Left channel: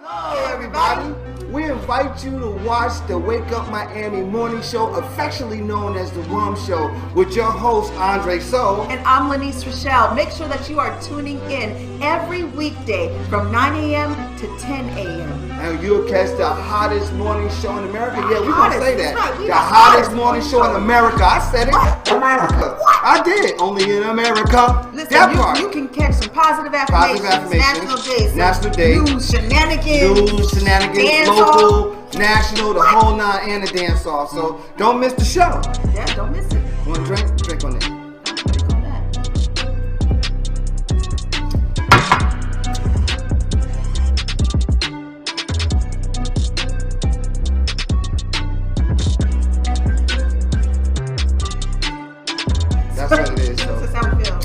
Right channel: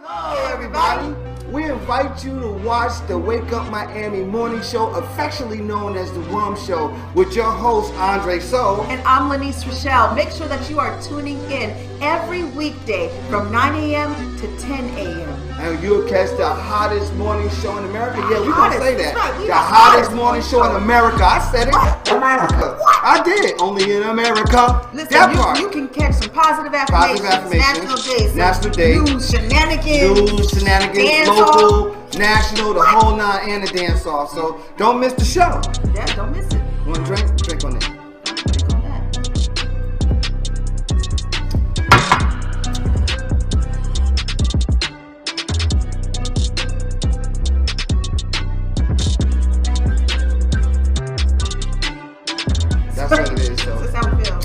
Hello, everybody. We invite you to watch the Wake Up Miami morning show, affectionately known as the WUMMS Show, with your host, Andre So. And I'm Lanice Rochelle. Make sure that you are tuning in every weekday from 9 a.m. to 10 a.m. And you'll catch the hottest morning show in America. Yeah, we're going to say that. Right. The hottest morning show in America. I said it. America. I did. Only in America. Listen, that part. You can catch some positive affirmations. National days. News, shenanigans, local, national, the whole nine, and the dance off. So don't miss the show. Yeah, don't miss it. Want to drink? Drink on it. Drink on that. That's what it is, though. That's how we feel.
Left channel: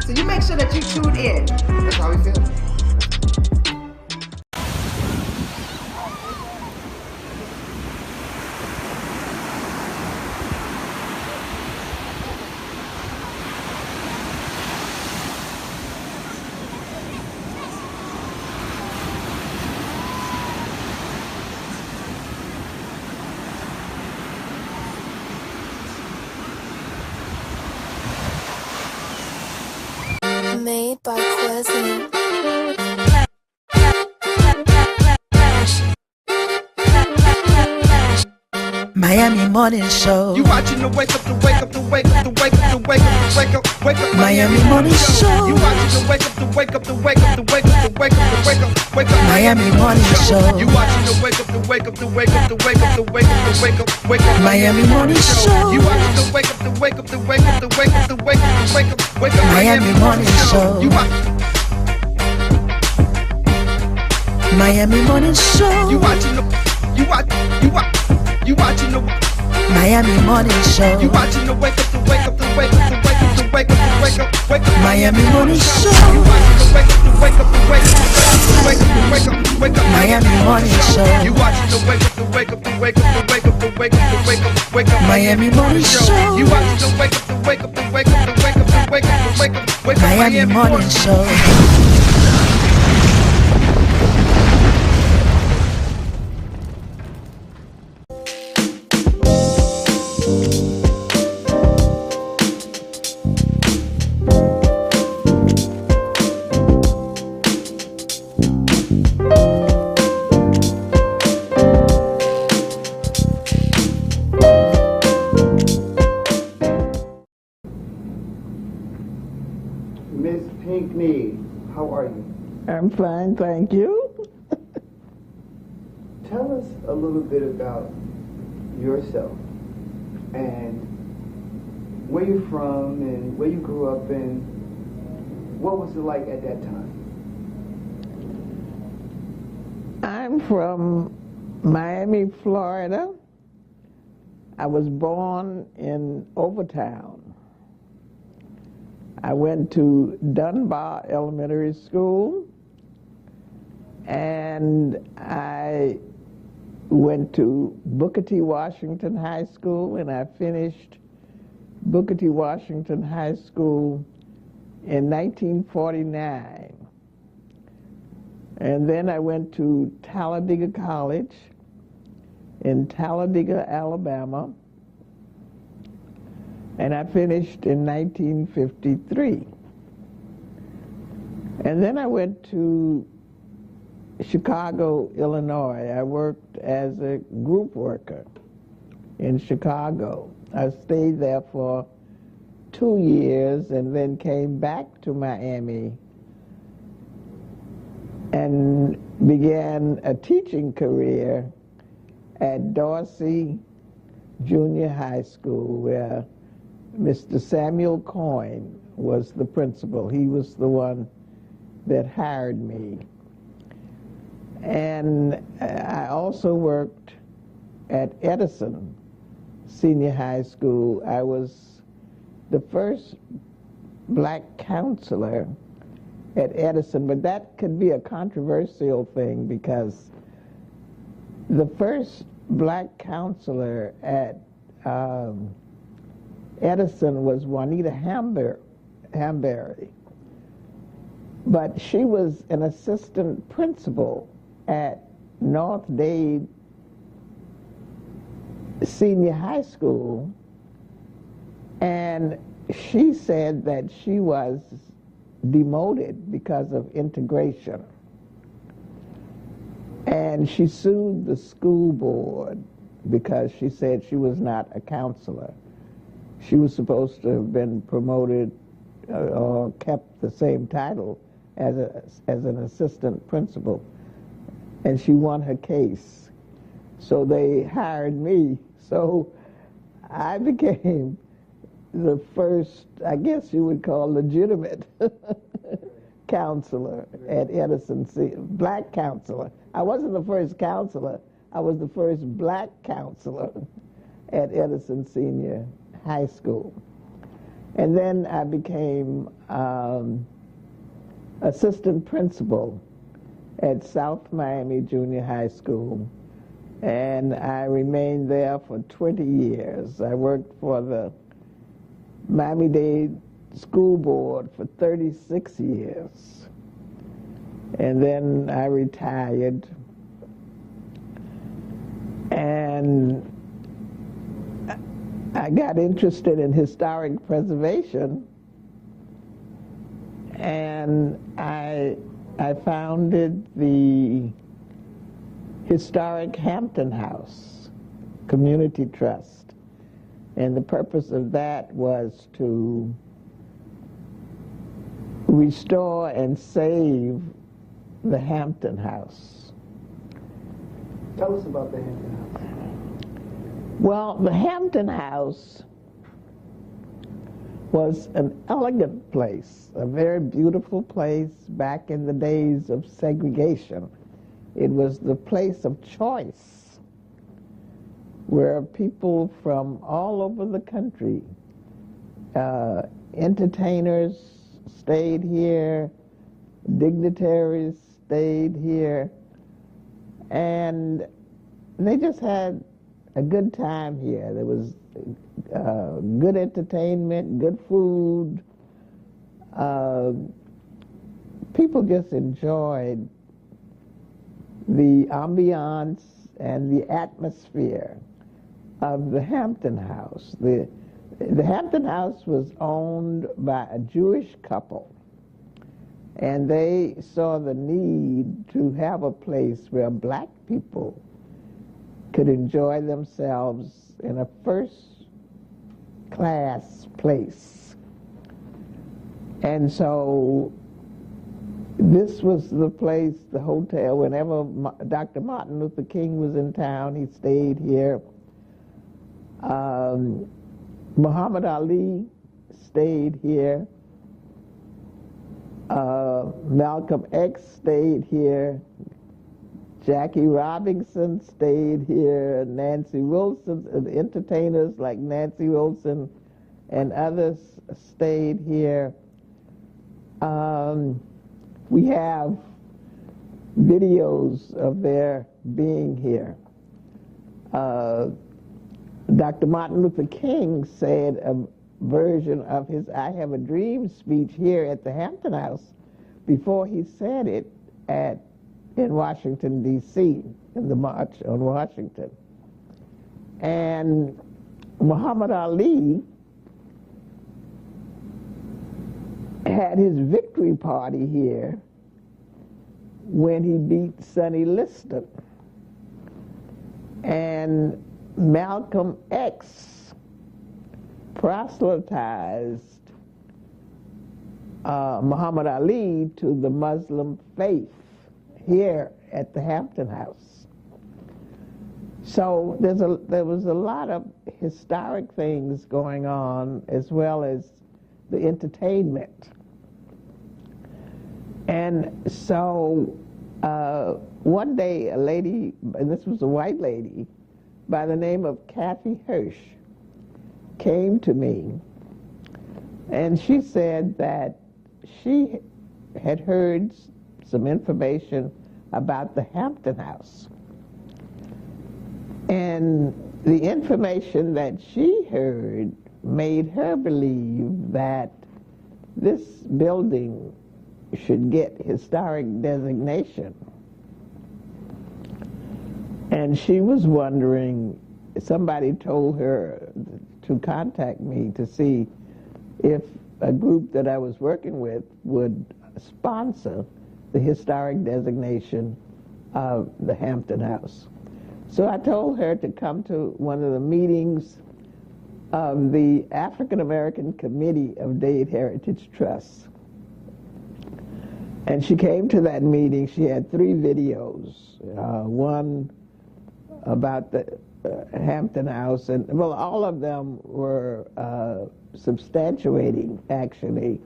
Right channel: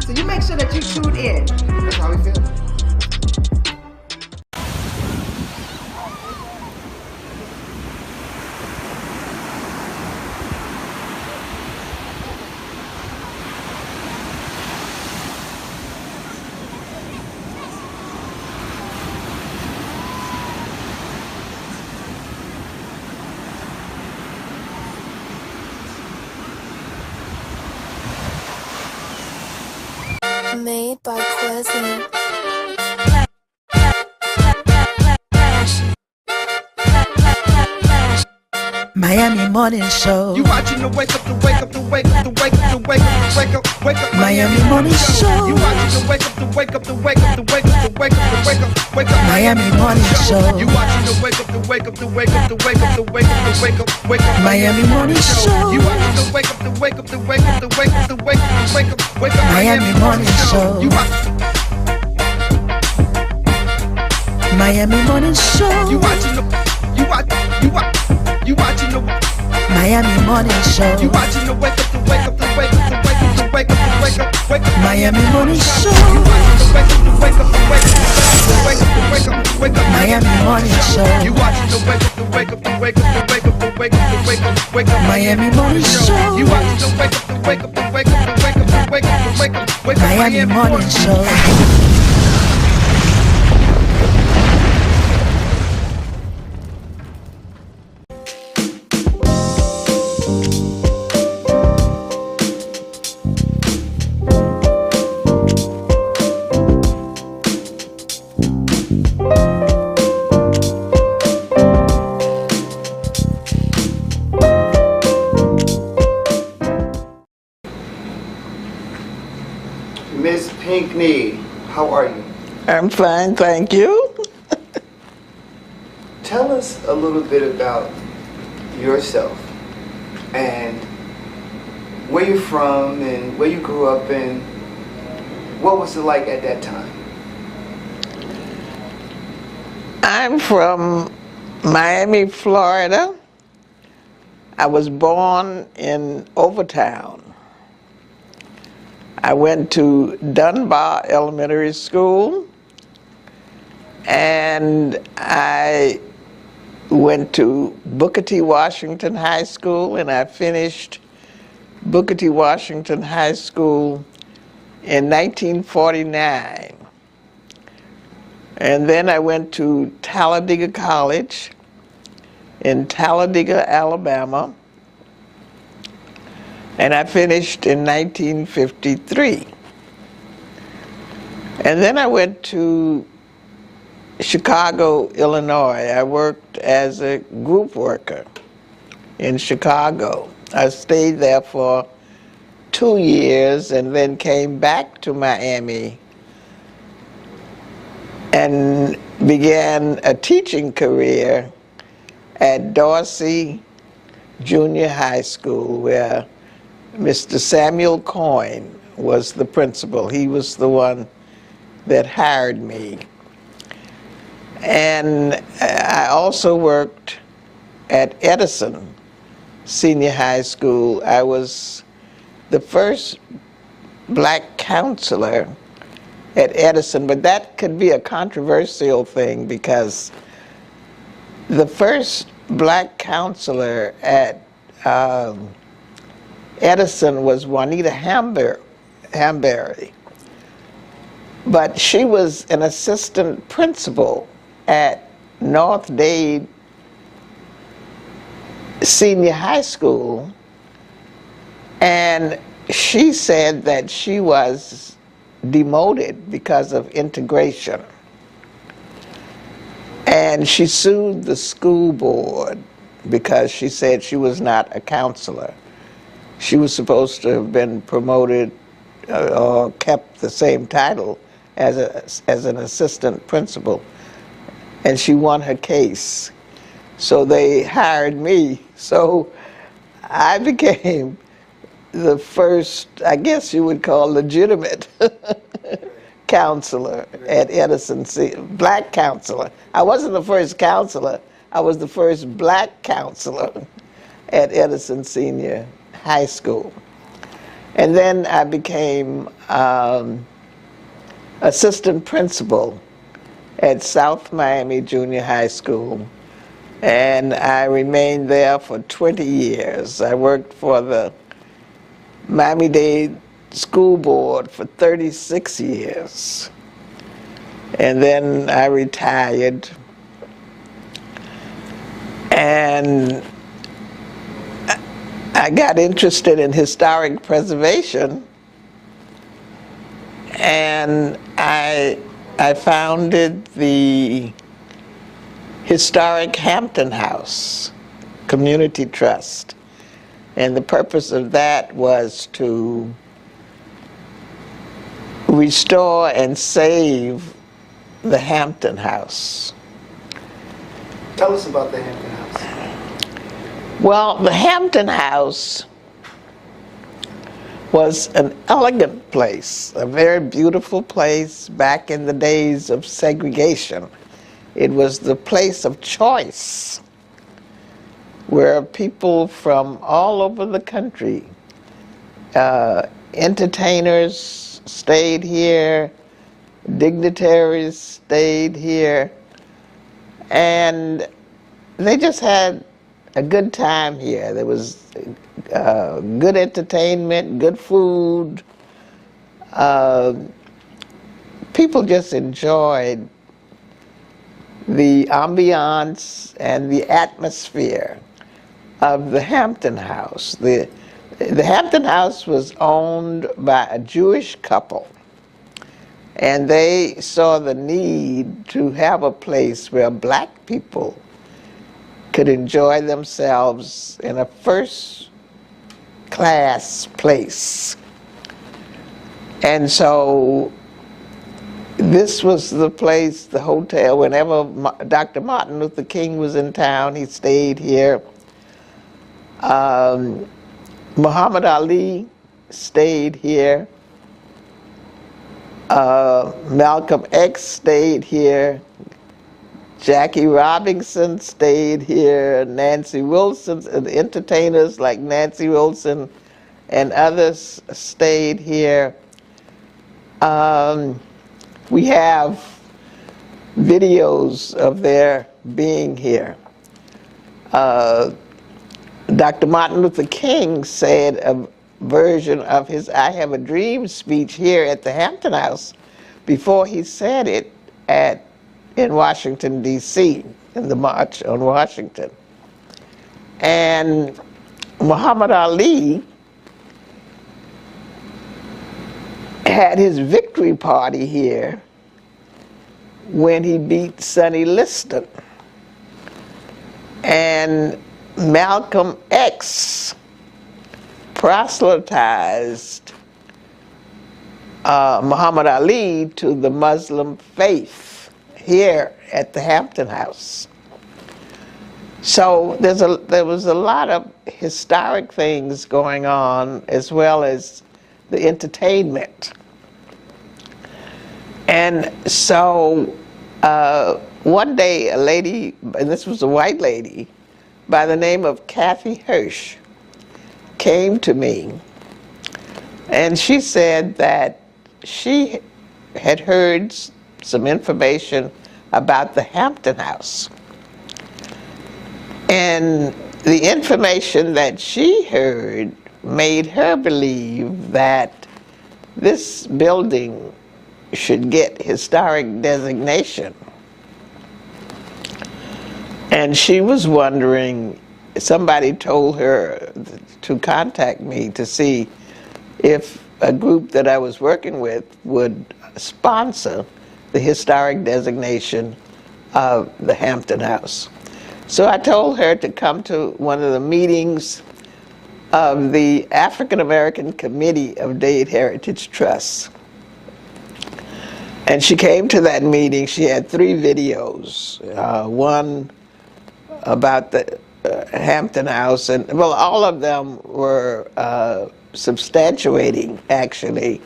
So you make sure that you tune in. That's how we feel. Made by Quezzy. Miami Morning Show. You watching the wake up, the wake up, the wake up, the wake up, the wake up, the wake up, wake up. Miami Morning Show. You watching the wake up, the wake up, the wake up, the wake up, the wake up, the wake up, wake up. Miami Morning Show. You watching the wake up, the wake up, the wake up, the wake up, the wake up, the wake up, wake up. Miami Morning Show. You watching the wake up, the wake up, the wake up, the wake up, the wake up, the wake up, wake up. Miami Morning Show. You Miami Morning Show. You watching the Miami Morning Show. You watching the wake up, the wake up, the wake up, the wake up, the wake up, the wake up, wake up. Miami Morning Show. You watching the wake up, the wake up, the wake up, the wake up, the wake up, the wake up. Miami Morning Show. You watching the wake up, the wake up, the wake up, the wake up, the wake up, the wake up, wake up. Miami Morning Show. You watching the wake up, the wake up, the wake up, the wake up, the wake up, the wake up, wake up. Miami Morning Show. Miss Pinkney, how are you? I'm fine, thank you. Tell us a little bit about yourself and where you're from and where you grew up and what was it like at that time? I'm from Miami, Florida. I was born in Overtown. I went to Dunbar Elementary School, and I went to Booker T. Washington High School, and I finished Booker T. Washington High School in 1949. And then I went to Talladega College in Talladega, Alabama, and I finished in 1953. And then I went to Chicago, Illinois. I worked as a group worker in Chicago. I stayed there for 2 years and then came back to Miami and began a teaching career at Dorsey Junior High School, where Mr. Samuel Coyne was the principal. He was the one that hired me. And I also worked at Edison Senior High School. I was the first black counselor at Edison, but that could be a controversial thing because the first black counselor at Edison was Juanita Hamberry, but she was an assistant principal at North Dade Senior High School, and she said that she was demoted because of integration. And she sued the school board because she said she was not a counselor. She was supposed to have been promoted or kept the same title as an assistant principal. And she won her case. So they hired me. So I became the first, I guess you would call legitimate counselor at Edison, black counselor. I wasn't the first counselor, I was the first black counselor at Edison Senior High School. And then I became assistant principal at South Miami Junior High School. And I remained there for 20 years. I worked for the Miami-Dade School Board for 36 years. And then I retired. And I got interested in historic preservation, and I founded the Historic Hampton House Community Trust. And the purpose of that was to restore and save the Hampton House. Tell us about the Hampton House. Well, the Hampton House was an elegant place, a very beautiful place back in the days of segregation. It was the place of choice where people from all over the country, entertainers stayed here, dignitaries stayed here, and they just had a good time here. There was good entertainment, good food. People just enjoyed the ambiance and the atmosphere of the Hampton House. The Hampton House was owned by a Jewish couple, and they saw the need to have a place where black people could enjoy themselves in a first-class place. And so this was the place, the hotel, whenever Dr. Martin Luther King was in town, he stayed here. Muhammad Ali stayed here. Malcolm X stayed here. Jackie Robinson stayed here. Nancy Wilson, entertainers like Nancy Wilson and others stayed here. We have videos of their being here. Dr. Martin Luther King said a version of his I Have a Dream speech here at the Hampton House before he said it in Washington, D.C., in the March on Washington. And Muhammad Ali had his victory party here when he beat Sonny Liston. And Malcolm X proselytized Muhammad Ali to the Muslim faith here at the Hampton House. So there was a lot of historic things going on, as well as the entertainment. And so one day a lady, and this was a white lady, by the name of Kathy Hirsch, came to me, and she said that she had heard some information about the Hampton House. And the information that she heard made her believe that this building should get historic designation. And she was wondering, somebody told her to contact me to see if a group that I was working with would sponsor the historic designation of the Hampton House. So I told her to come to one of the meetings of the African American Committee of Dade Heritage Trusts. And she came to that meeting. She had 3 videos, one about the Hampton House, and well, all of them were substantiating, actually,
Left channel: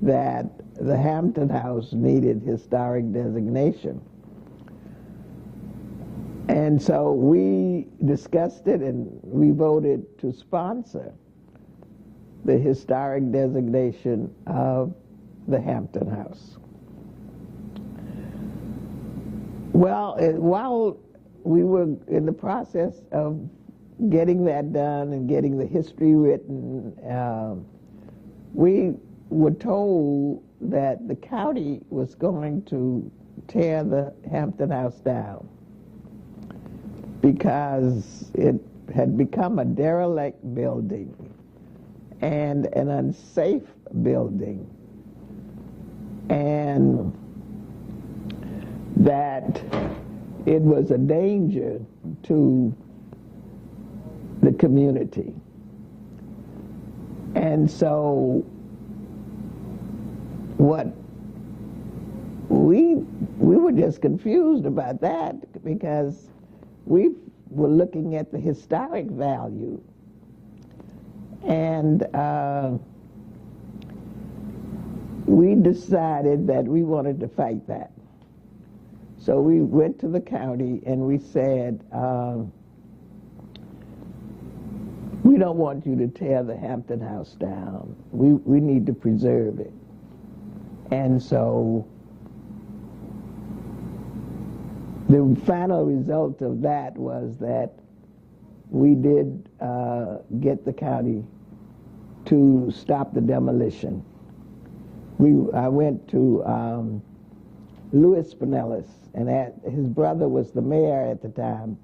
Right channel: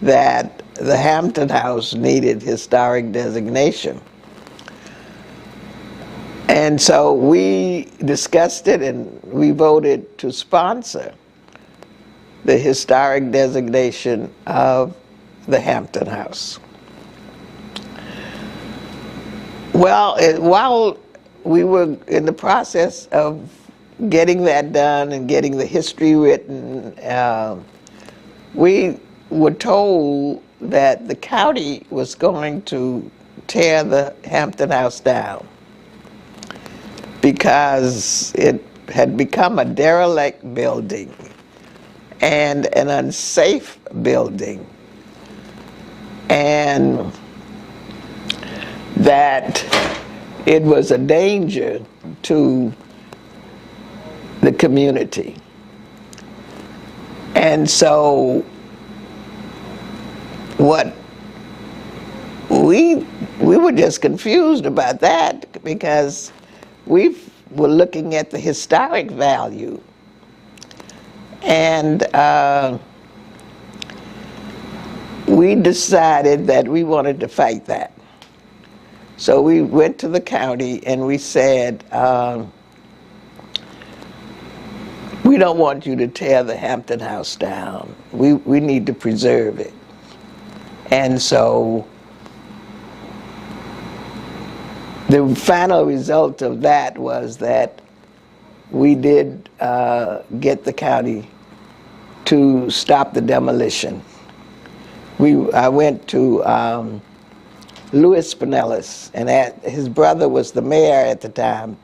that the Hampton House needed historic designation. And so we discussed it, and we voted to sponsor the historic designation of the Hampton House. Well, while we were in the process of getting that done and getting the history written, we were told that the county was going to tear the Hampton House down because it had become a derelict building and an unsafe building, and that it was a danger to the community. And so what we were just confused about that, because we were looking at the historic value, and we decided that we wanted to fight that. So we went to the county and we said, we don't want you to tear the Hampton House down. We need to preserve it. And so the final result of that was that we did get the county to stop the demolition. I went to Louis Pinellas, and his brother was the mayor at the time,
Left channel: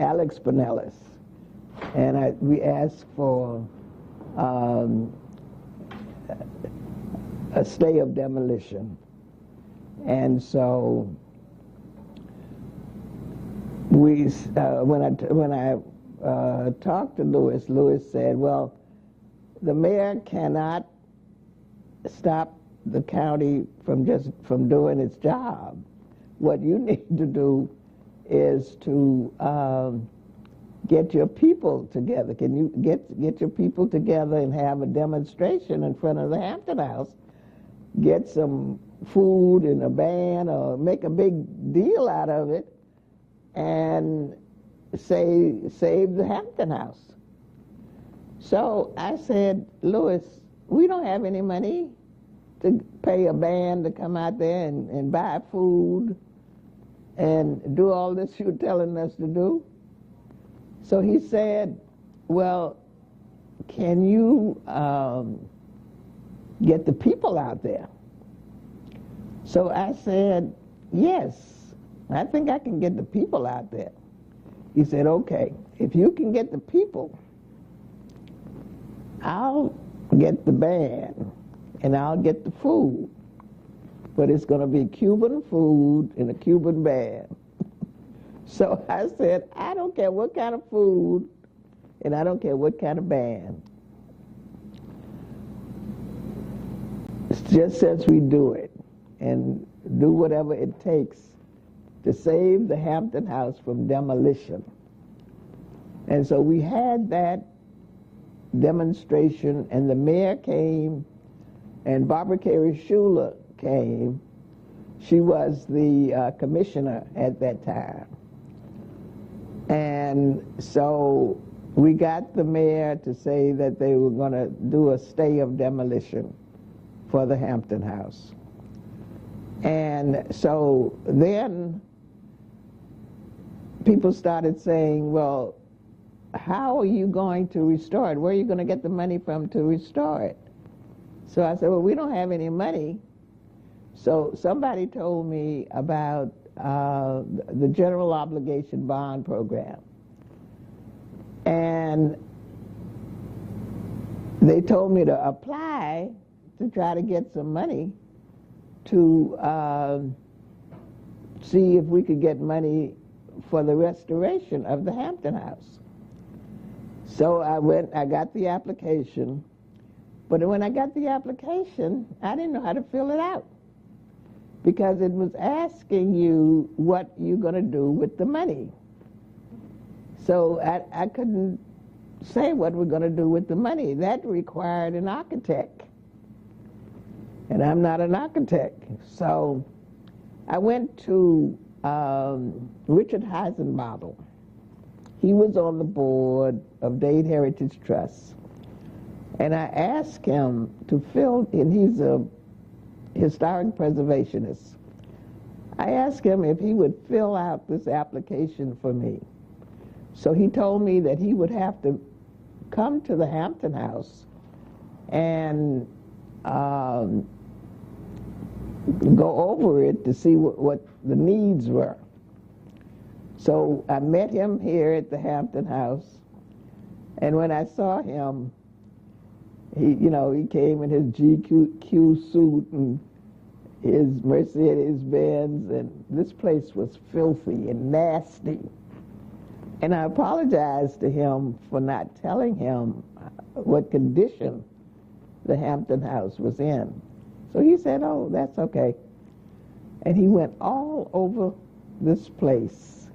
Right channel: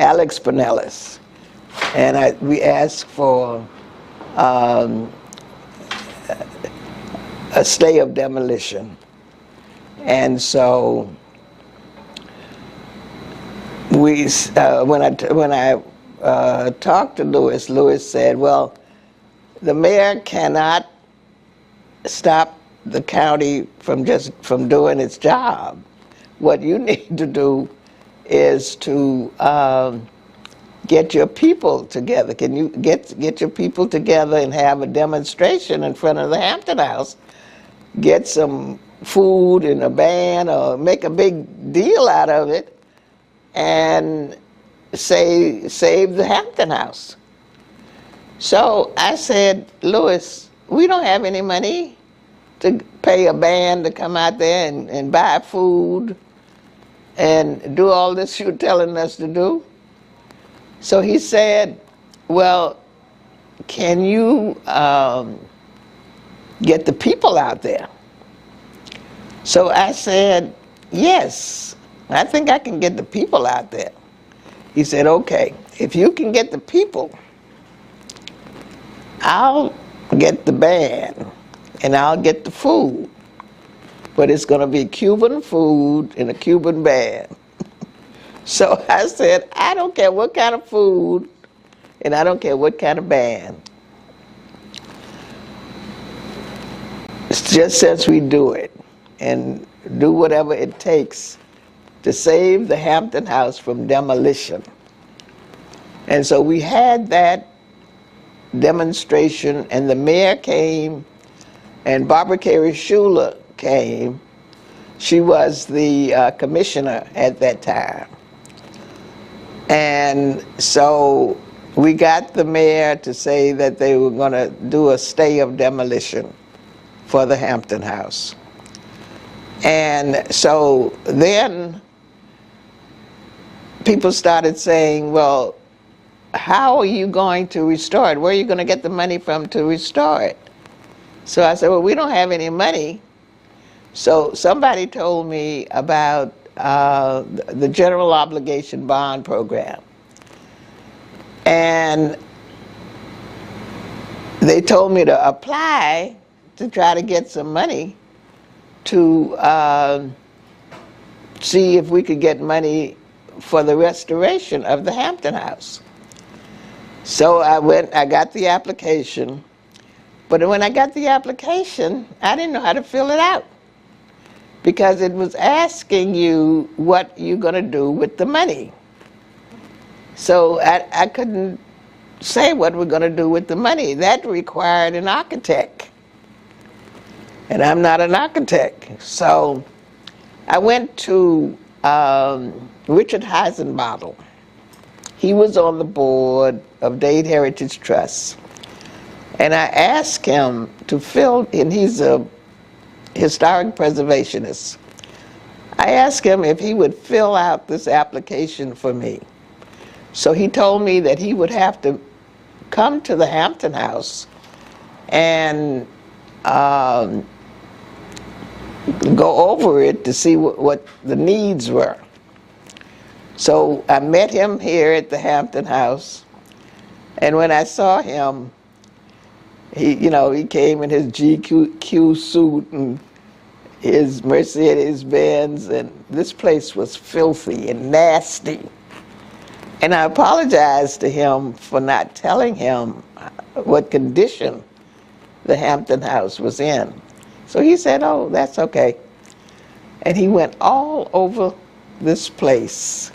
Alex Pinellas. And we asked for a stay of demolition. And so when I talked to Louis said, well, the mayor cannot stop the county from doing its job. What you need to do is to get your people together. Can you get your people together and have a demonstration in front of the Hampton House? Get some food and a band, or make a big deal out of it, and save the Hampton House. So I said, Louis, we don't have any money to pay a band to come out there and buy food and do all this you're telling us to do. So he said, well, can you get the people out there? So I said, yes, I think I can get the people out there. He said, okay, if you can get the people, I'll get the band and I'll get the food, but it's gonna be Cuban food and a Cuban band. So I said, I don't care what kind of food and I don't care what kind of band. It's just as we do it and do whatever it takes to save the Hampton House from demolition. And so we had that demonstration, and the mayor came, and Barbara Carey Schuler came. She was the commissioner at that time. And so we got the mayor to say that they were going to do a stay of demolition for the Hampton House. And so then people started saying, well, how are you going to restore it? Where are you going to get the money from to restore it? So I said, well, we don't have any money. So somebody told me about the general obligation bond program. And they told me to apply to try to get some money to see if we could get money for the restoration of the Hampton House. So I got the application, but when I got the application, I didn't know how to fill it out because it was asking you what you're gonna do with the money. So I couldn't say what we're gonna do with the money. That required an architect, and I'm not an architect. So I went to Richard Heisenbottle. He was on the board of Dade Heritage Trust. And I asked him to fill, and he's a historic preservationist. I asked him if he would fill out this application for me. So he told me that he would have to come to the Hampton House and go over it to see what the needs were. So I met him here at the Hampton House, and when I saw him, he came in his GQ suit and his Mercedes Benz, and this place was filthy and nasty. And I apologized to him for not telling him what condition the Hampton House was in. So he said, "Oh, that's okay." And he went all over this place.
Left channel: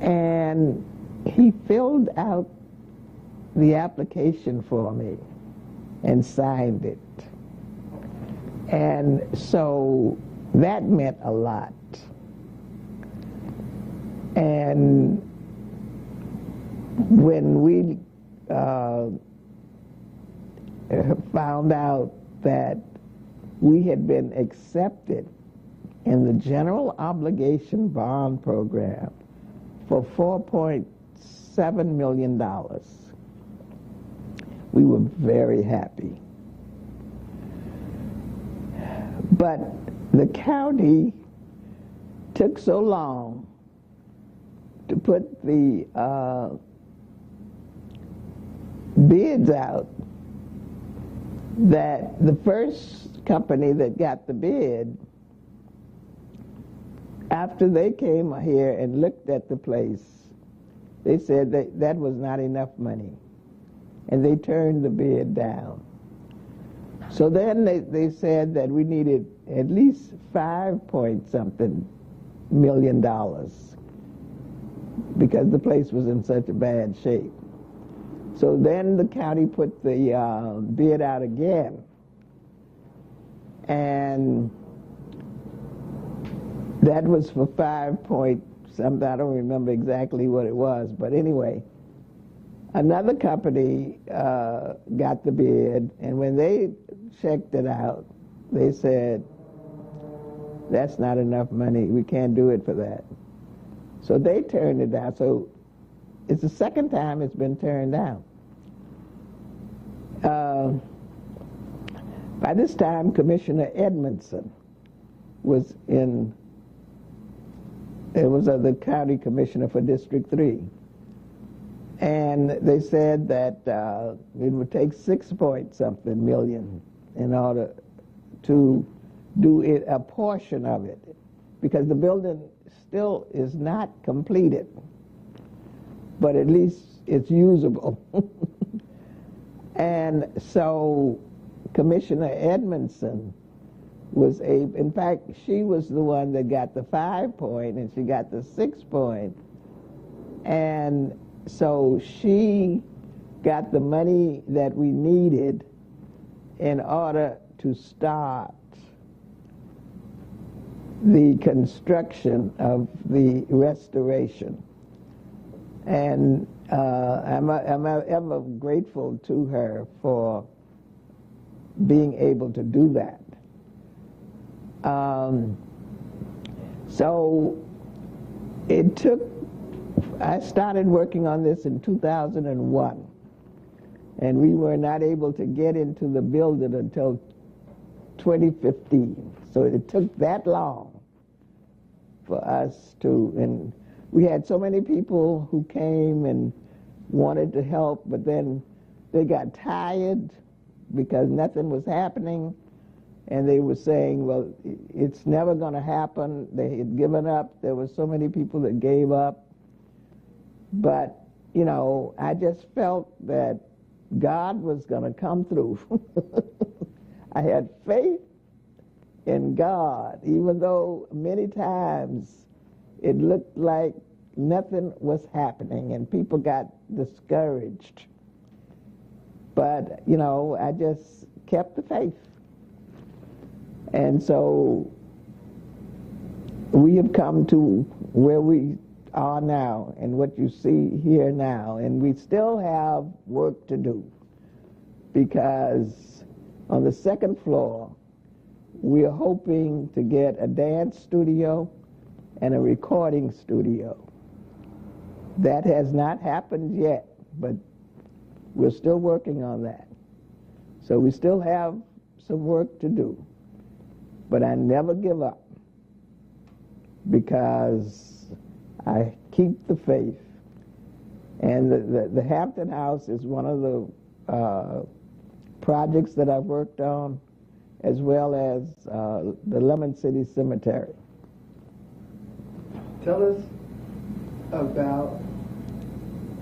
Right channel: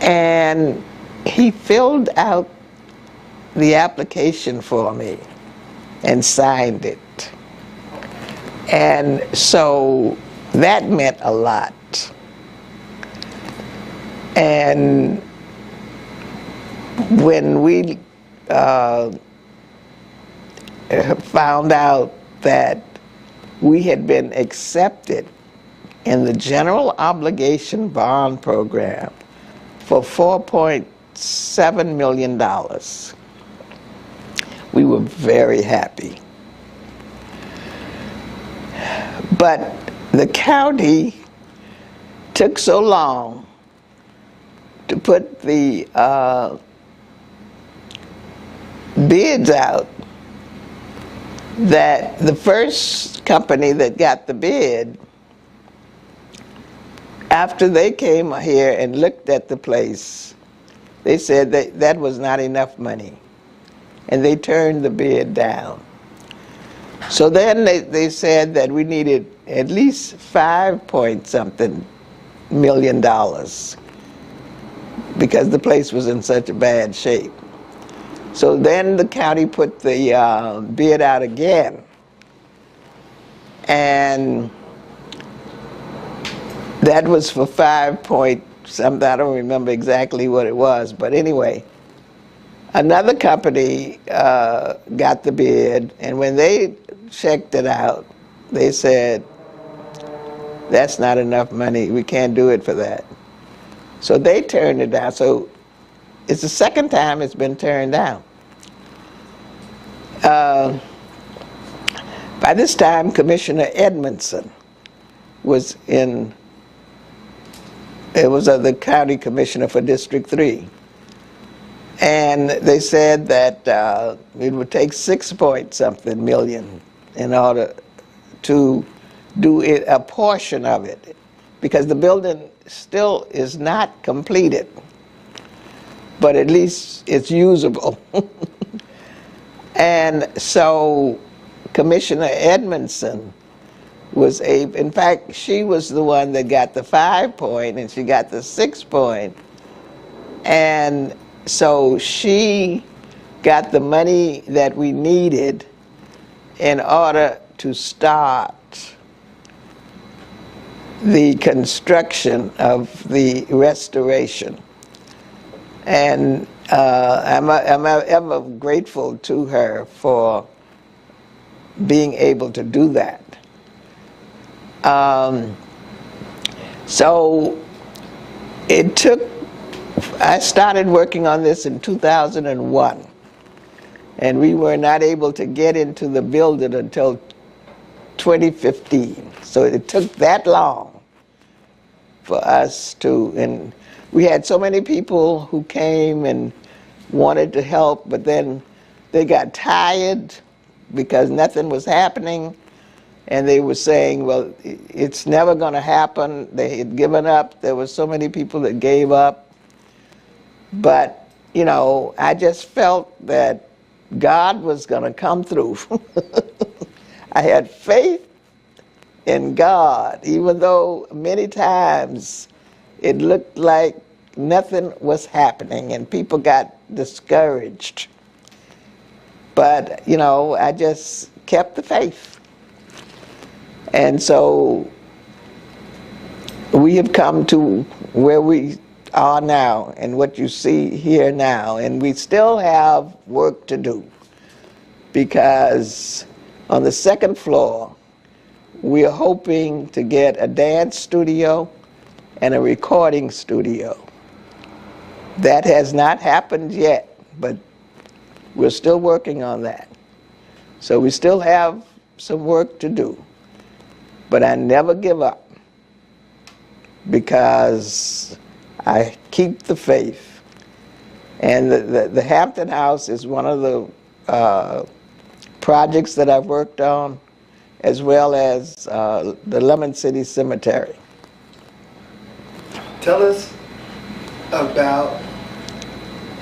And he filled out the application for me and signed it. And so that meant a lot. And when we found out that we had been accepted in the general obligation bond program for $4.7 million, we were very happy. But the county took so long to put the bids out that the first company that got the bid, after they came here and looked at the place, they said that was not enough money, and they turned the bid down. So then they said that we needed at least $5-point-something million because the place was in such a bad shape. So then the county put the bid out again, and that was for 5-point-something. I don't remember exactly what it was, but anyway, another company got the bid, and when they checked it out, they said, "That's not enough money. We can't do it for that." So they turned it down. So it's the second time it's been turned down. By this time, Commissioner Edmondson was the county commissioner for District 3. And they said that it would take $6-point-something million in order to do it, a portion of it, because the building still is not completed, but at least it's usable. And so Commissioner Edmondson was in fact, she was the one that got the 5-point and she got the 6-point. And so she got the money that we needed in order to start the construction of the restoration. And I'm ever grateful to her for being able to do that. So it took, I started working on this in 2001, and we were not able to get into the building until 2015. So it took that long for us to, and we had so many people who came and wanted to help, but then they got tired because nothing was happening, and they were saying, well, it's never going to happen. They had given up. There were so many people that gave up. But, you know, I just felt that God was going to come through. I had faith in God, even though many times it looked like nothing was happening and people got discouraged. But, you know, I just kept the faith. And so we have come to where we are now and what you see here now. And we still have work to do, because on the second floor, we are hoping to get a dance studio and a recording studio. That has not happened yet, but we're still working on that. So we still have some work to do. But I never give up, because I keep the faith. And the Hampton House is one of the projects that I've worked on, as well as the Lemon City Cemetery. Tell us about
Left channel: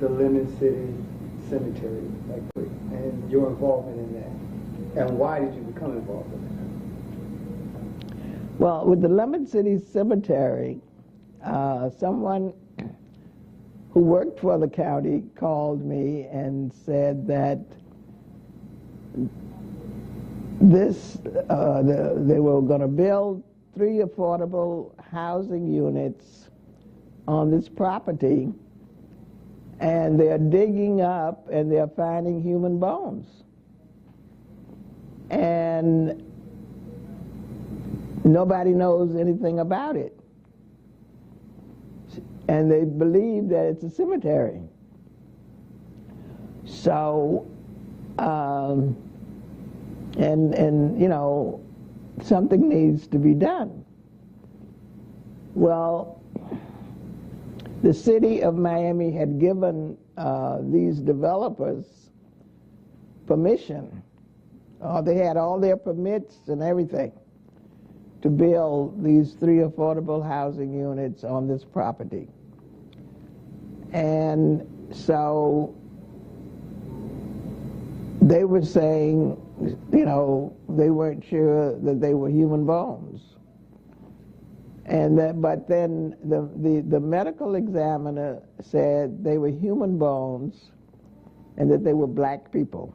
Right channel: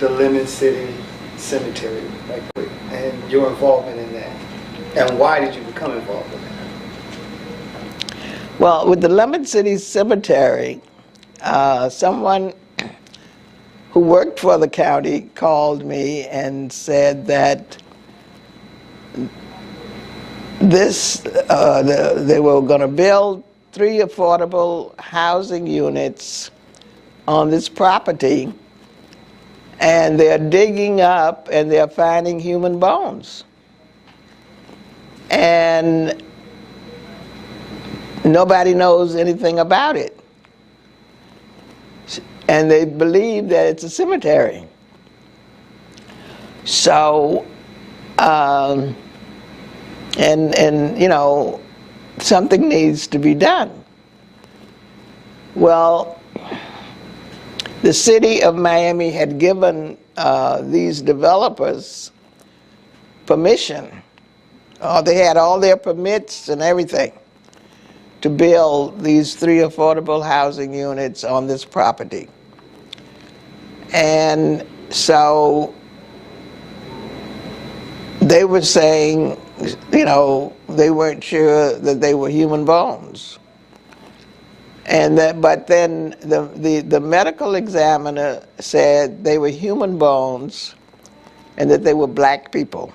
the Lemon City Cemetery, right quick, and your involvement in that. And why did you become involved in that? Well, with the Lemon City Cemetery, someone who worked for the county called me and said that they were going to build 3 affordable housing units on this property, and they're digging up and they're finding human bones. And nobody knows anything about it. And they believe that it's a cemetery. So, and you know, something needs to be done. Well, the city of Miami had given these developers permission. They had all their permits and everything to build these 3 affordable housing units on this property. And so they were saying, you know, they weren't sure that they were human bones. And that, but then the medical examiner said they were human bones and that they were black people.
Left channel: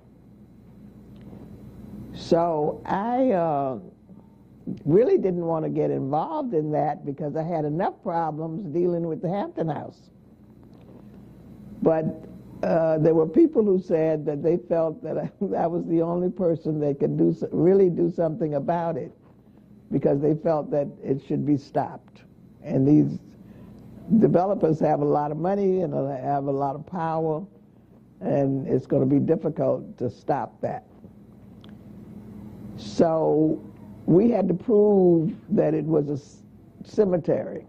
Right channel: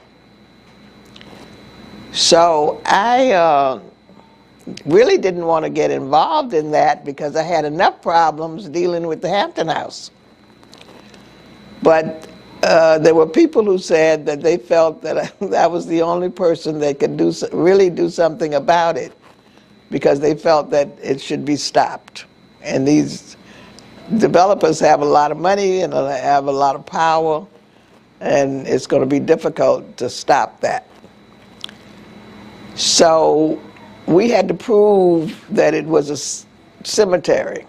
So I really didn't want to get involved in that, because I had enough problems dealing with the Hampton House. But there were people who said that they felt that I was the only person that could really do something about it, because they felt that it should be stopped. And these developers have a lot of money and have a lot of power, and it's going to be difficult to stop that. So we had to prove that it was a cemetery.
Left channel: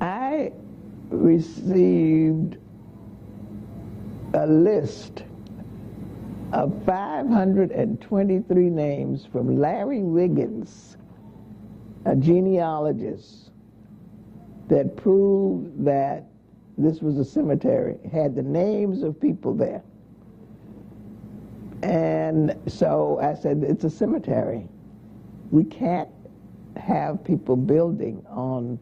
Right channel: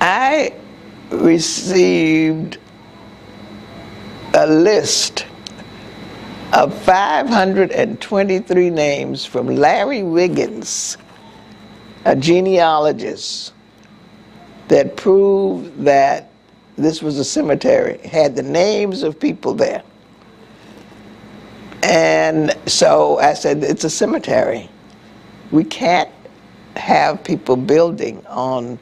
I received a list of 523 names from Larry Wiggins, a genealogist, that proved that this was a cemetery, had the names of people there. And so I said, it's a cemetery. We can't have people building on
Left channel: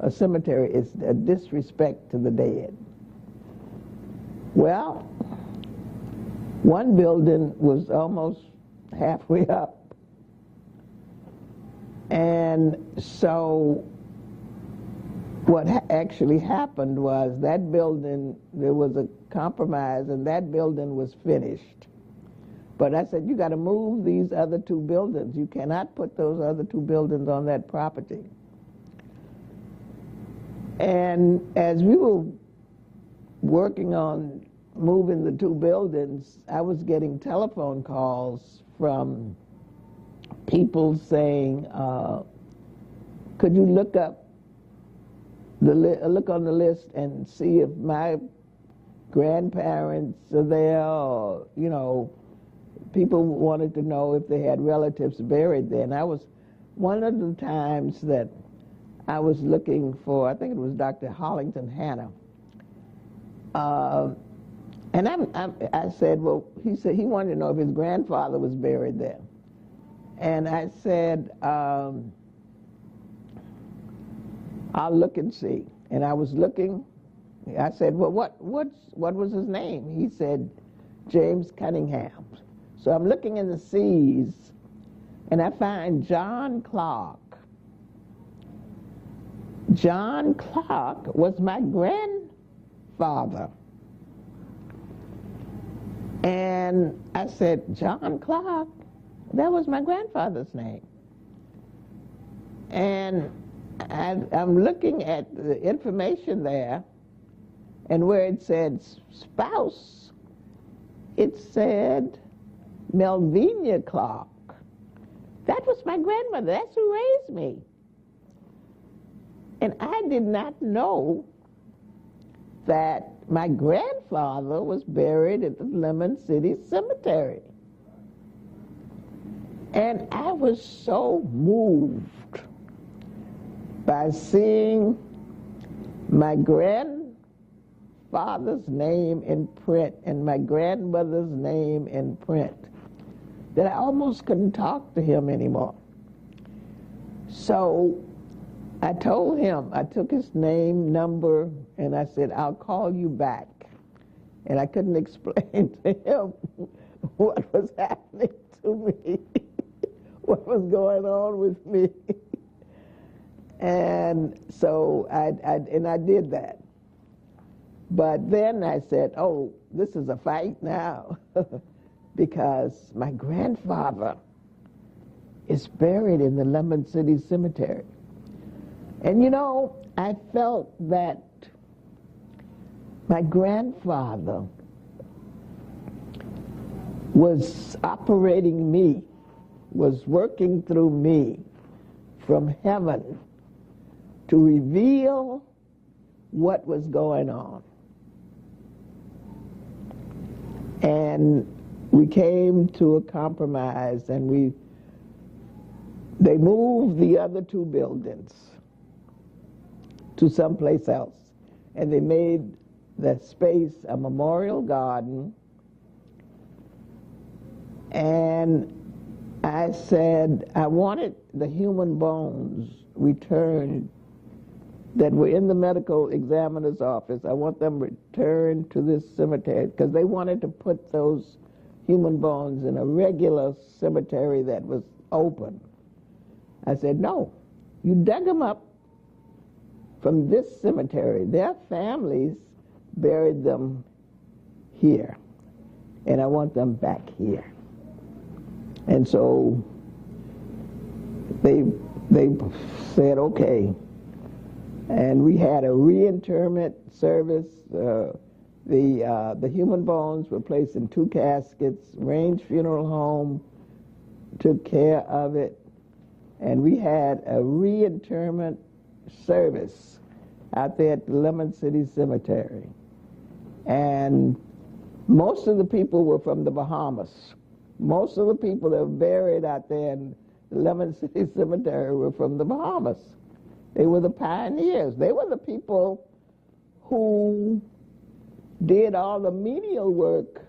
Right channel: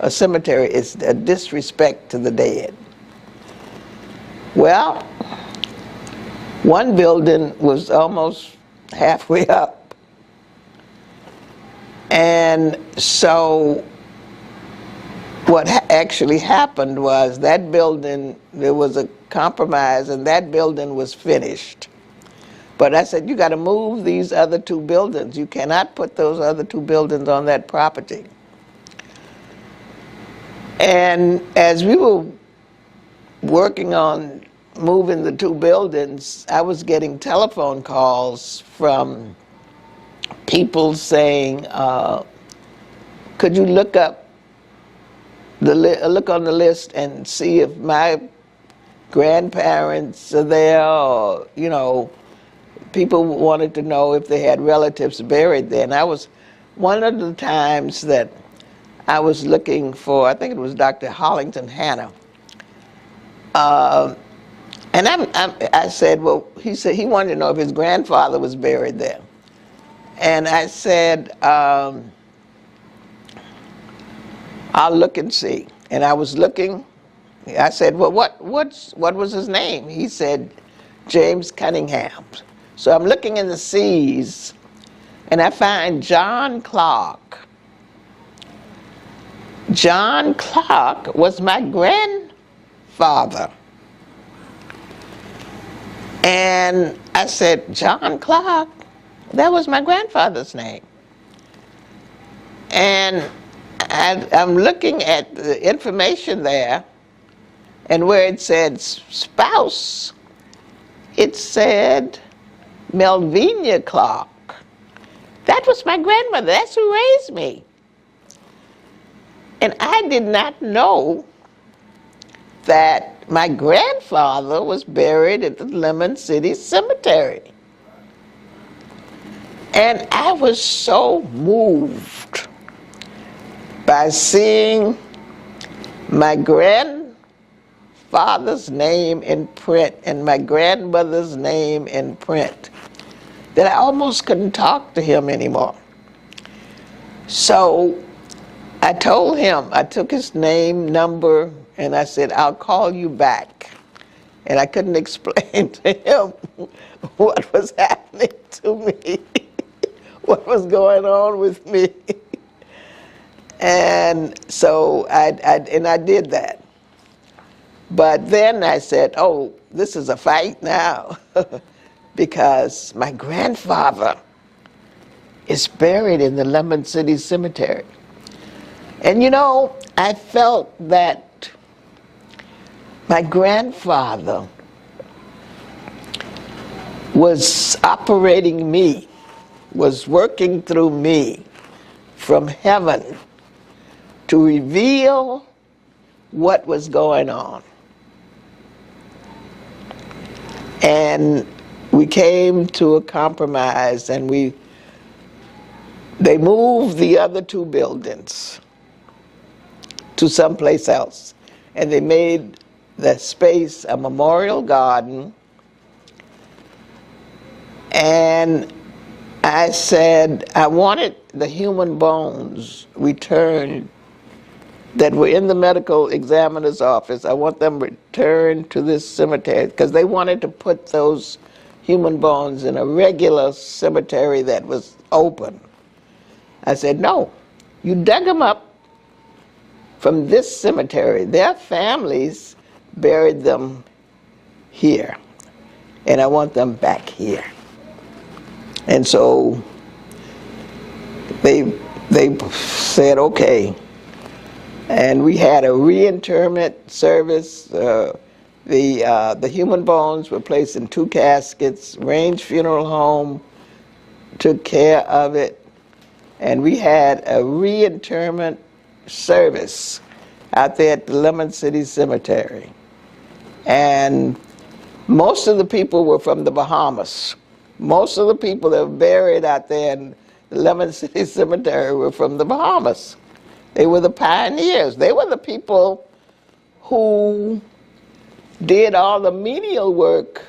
a cemetery. It's a disrespect to the dead. Well, one building was almost halfway up. And so what actually happened was that building, there was a compromise, and that building was finished. But I said, you got to move these other 2 buildings. You cannot put those other 2 buildings on that property. And as we were working on moving the 2 buildings, I was getting telephone calls from people saying, could you look up look on the list and see if my grandparents are there, or, you know, people wanted to know if they had relatives buried there. And I was, one of the times that I was looking for, I think it was Dr. Hollington Hanna, and I said, well, he said he wanted to know if his grandfather was buried there. And I said, I'll look and see. And I was looking. I said, well, what was his name? He said, James Cunningham. So I'm looking in the C's, and I find John Clark. John Clark was my grandfather. And I said, John Clark? That was my grandfather's name. And I'm looking at the information there, and where it said spouse, it said Melvina Clark. That was my grandmother. That's who raised me. And I did not know that my grandfather was buried at the Lemon City Cemetery. And I was so moved by seeing my grandfather's name in print and my grandmother's name in print that I almost couldn't talk to him anymore. So I told him, I took his name, number, and I said, I'll call you back. And I couldn't explain to him what was happening to me, what was going on with me. And so I did that. But then I said, oh, this is a fight now, because my grandfather is buried in the Lemon City Cemetery. And you know, I felt that my grandfather was operating me, was working through me from heaven to reveal what was going on. And we came to a compromise, and they moved the other two buildings to someplace else. And they made the space a memorial garden. And I said, I wanted the human bones returned that were in the medical examiner's office. I want them returned to this cemetery, because they wanted to put those human bones in a regular cemetery that was open. I said, no, you dug them up from this cemetery. Their families buried them here, and I want them back here. And so they said, okay. And we had a reinterment service. The human bones were placed in 2 caskets. Range Funeral Home took care of it. And we had a reinterment service out there at the Lemon City Cemetery. And most of the people were from the Bahamas. Most of the people that were buried out there in the Lemon City Cemetery were from the Bahamas. They were the pioneers. They were the people who did all the menial work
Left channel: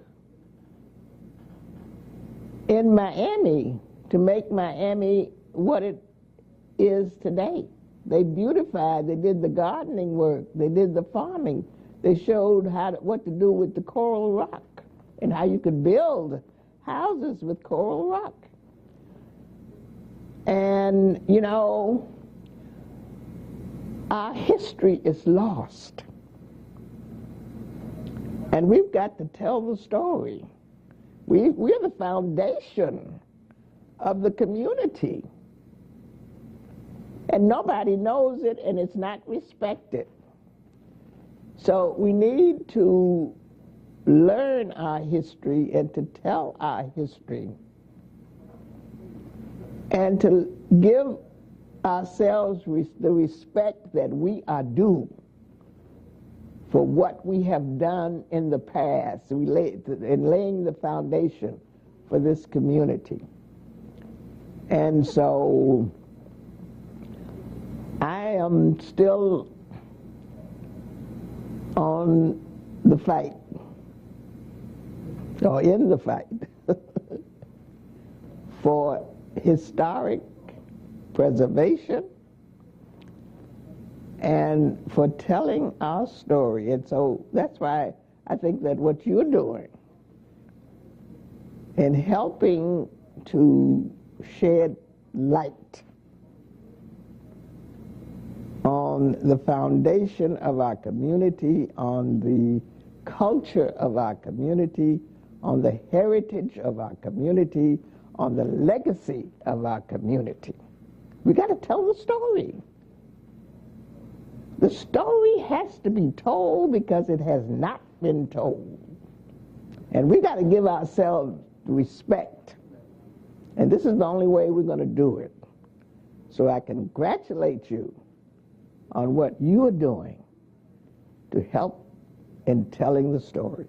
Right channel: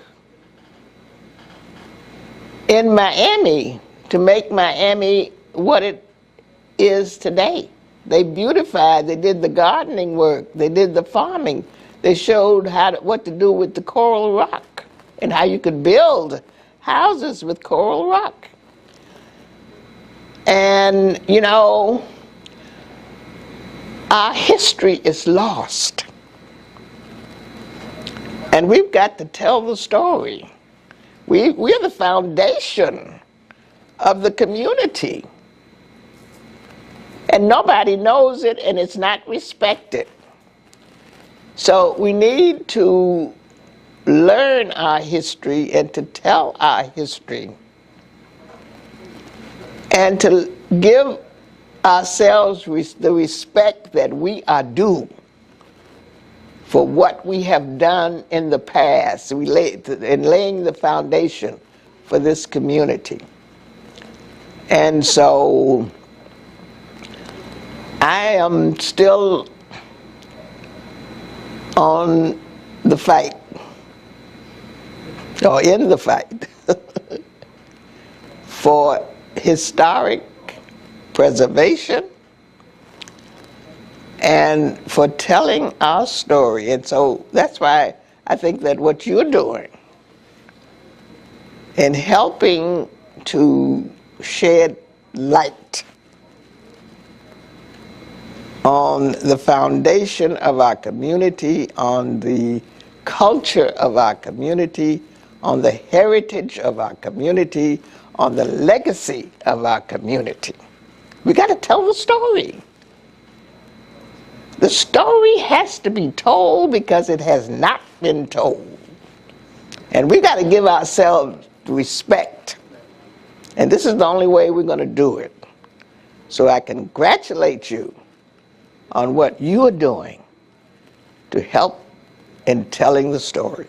in Miami to make Miami what it is today. They beautified, they did the gardening work, they did the farming. They showed what to do with the coral rock and how you could build houses with coral rock. And, you know, our history is lost. And we've got to tell the story. We're the foundation of the community. And nobody knows it, and it's not respected. So we need to learn our history and to tell our history and to give ourselves the respect that we are due for what we have done in the past in laying the foundation for this community. And so I am still on the fight, or in the fight, for historic preservation and for telling our story. And so that's why I think that what you're doing in helping to shed light on the foundation of our community, on the culture of our community, on the heritage of our community, on the legacy of our community. We got to tell the story. The story has to be told because it has not been told. And we got to give ourselves respect. And this is the only way we're going to do it. So I congratulate you on what you are doing to help in telling the story.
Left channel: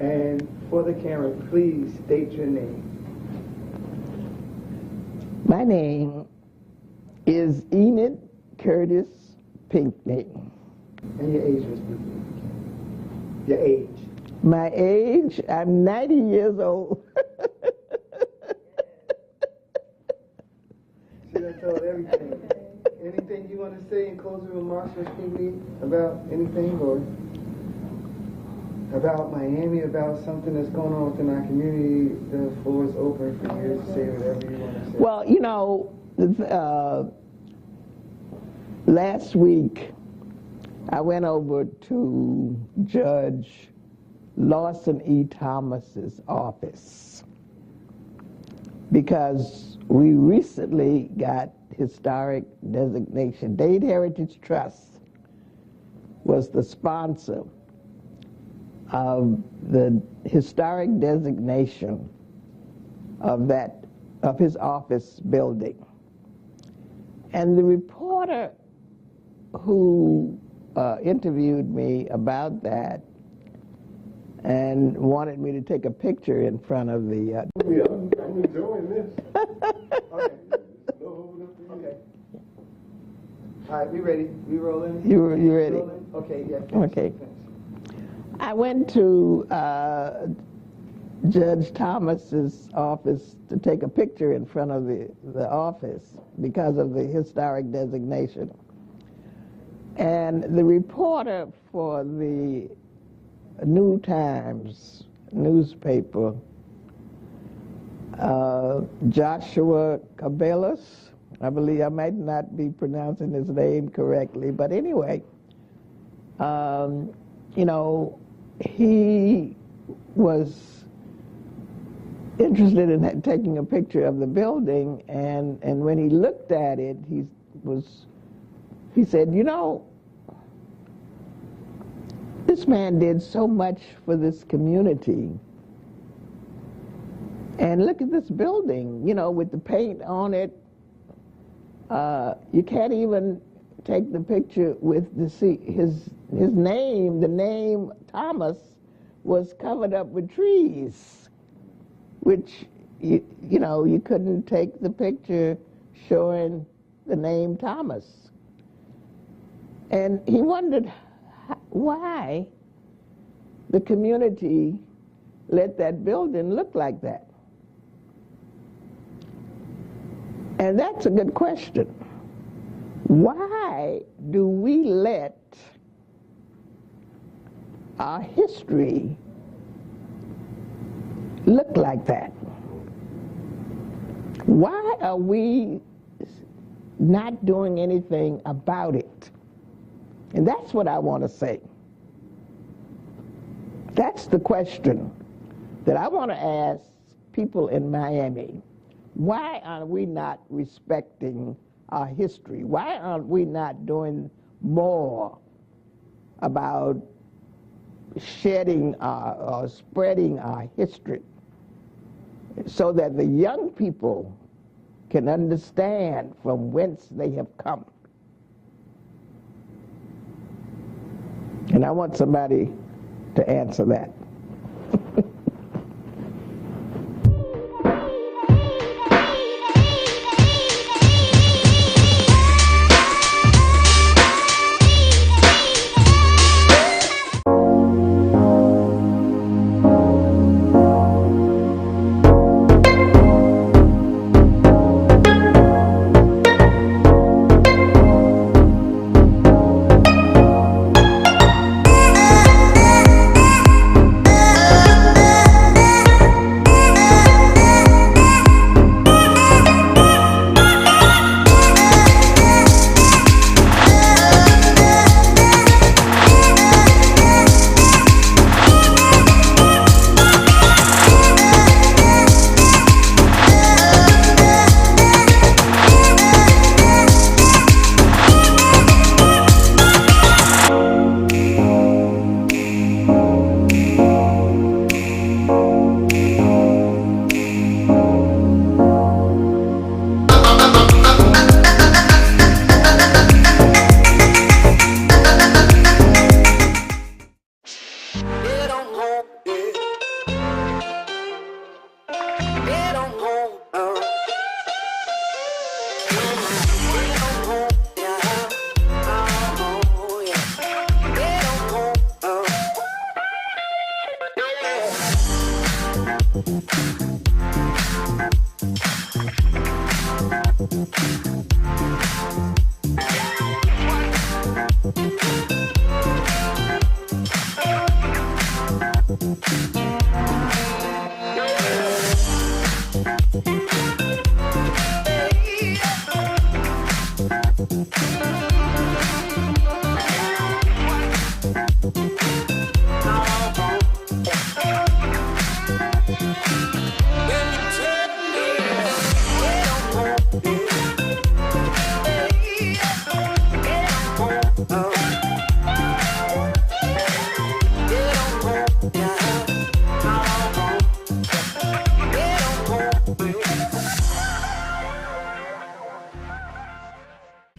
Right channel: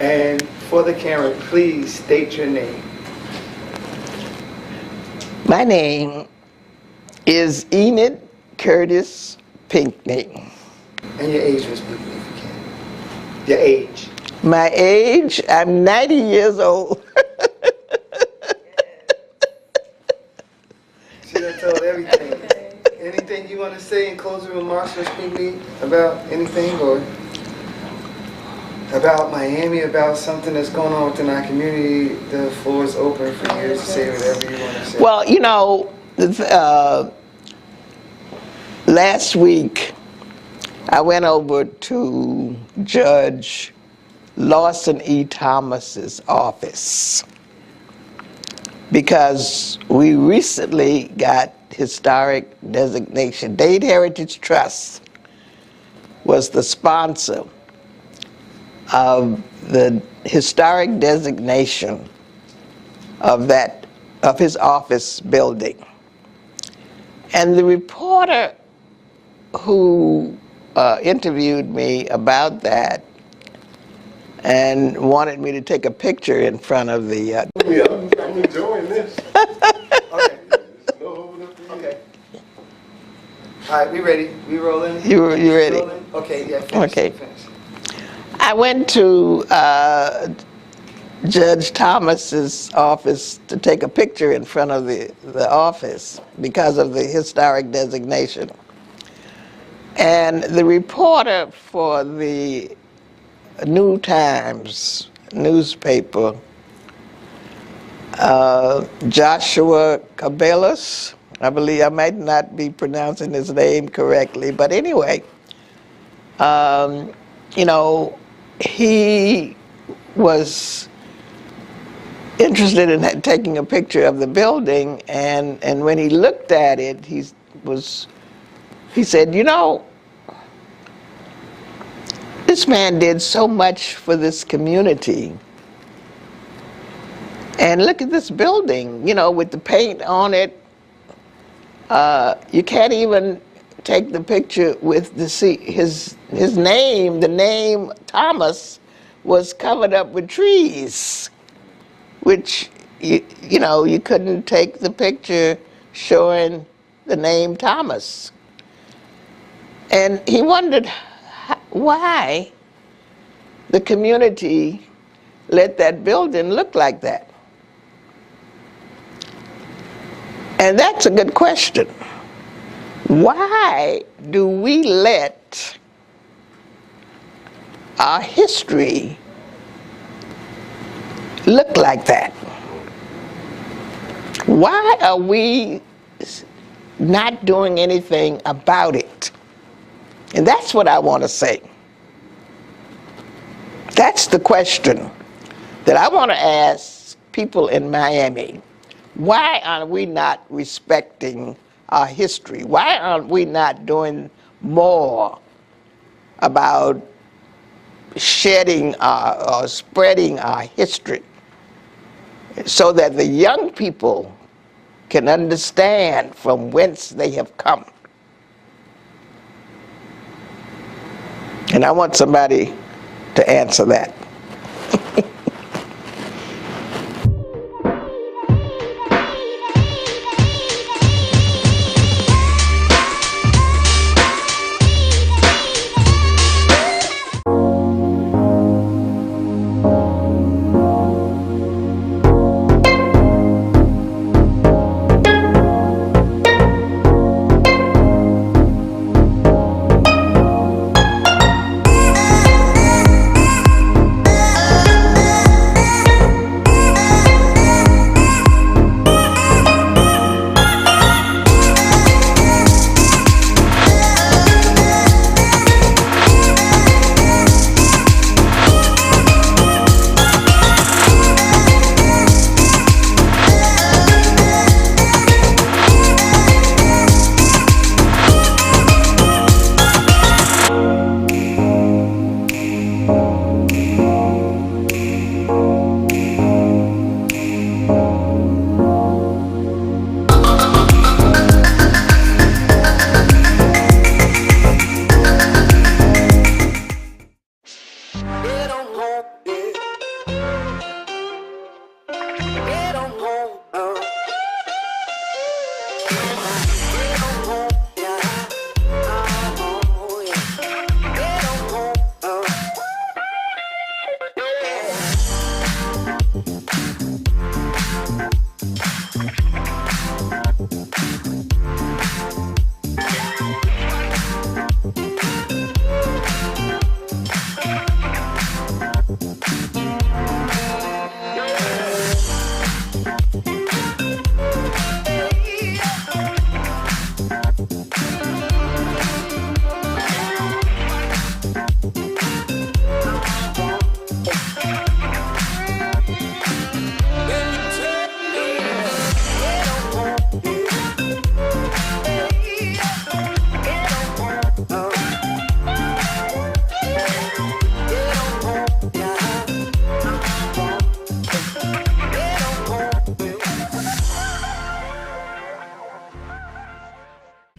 And for the camera, please state your name. My name is Enid Curtis Pinckney. And your age, Miss Pinckney, if you can. Your age. My age, I'm 90 years old. She done told everything. Anything you want to say in closing remarks, Miss Pinckney, about anything, or about Miami, about something that's going on within our community? The floor is open for you to say whatever you want to say. Well, you know, last week I went over to Judge Lawson E. Thomas's office because we recently got historic designation. Dade Heritage Trust was the sponsor of the historic designation of his office building. And the reporter who interviewed me about that and wanted me to take a picture in front of the I'm enjoying this. Okay. Okay. All right, we ready? We rolling? You ready? Rolling? Okay, yeah, finish. Okay. Finish. I went to Judge Thomas's office to take a picture in front of the office because of the historic designation. And the reporter for the New Times newspaper, Joshua Cabellas, I believe, I might not be pronouncing his name correctly, but anyway, you know, he was interested in taking a picture of the building, and when he looked at it, he said, you know, this man did so much for this community. And look at this building, you know, with the paint on it. You can't even take the picture with his name. The name Thomas was covered up with trees, which, you know, you couldn't take the picture showing the name Thomas. And he wondered why the community let that building look like that. And that's a good question. Why do we let our history look like that? Why are we not doing anything about it? And that's what I want to say. That's the question that I want to ask people in Miami. Why are we not respecting our history? Why aren't we not doing more about shedding or spreading our history so that the young people can understand from whence they have come. And I want somebody to answer that.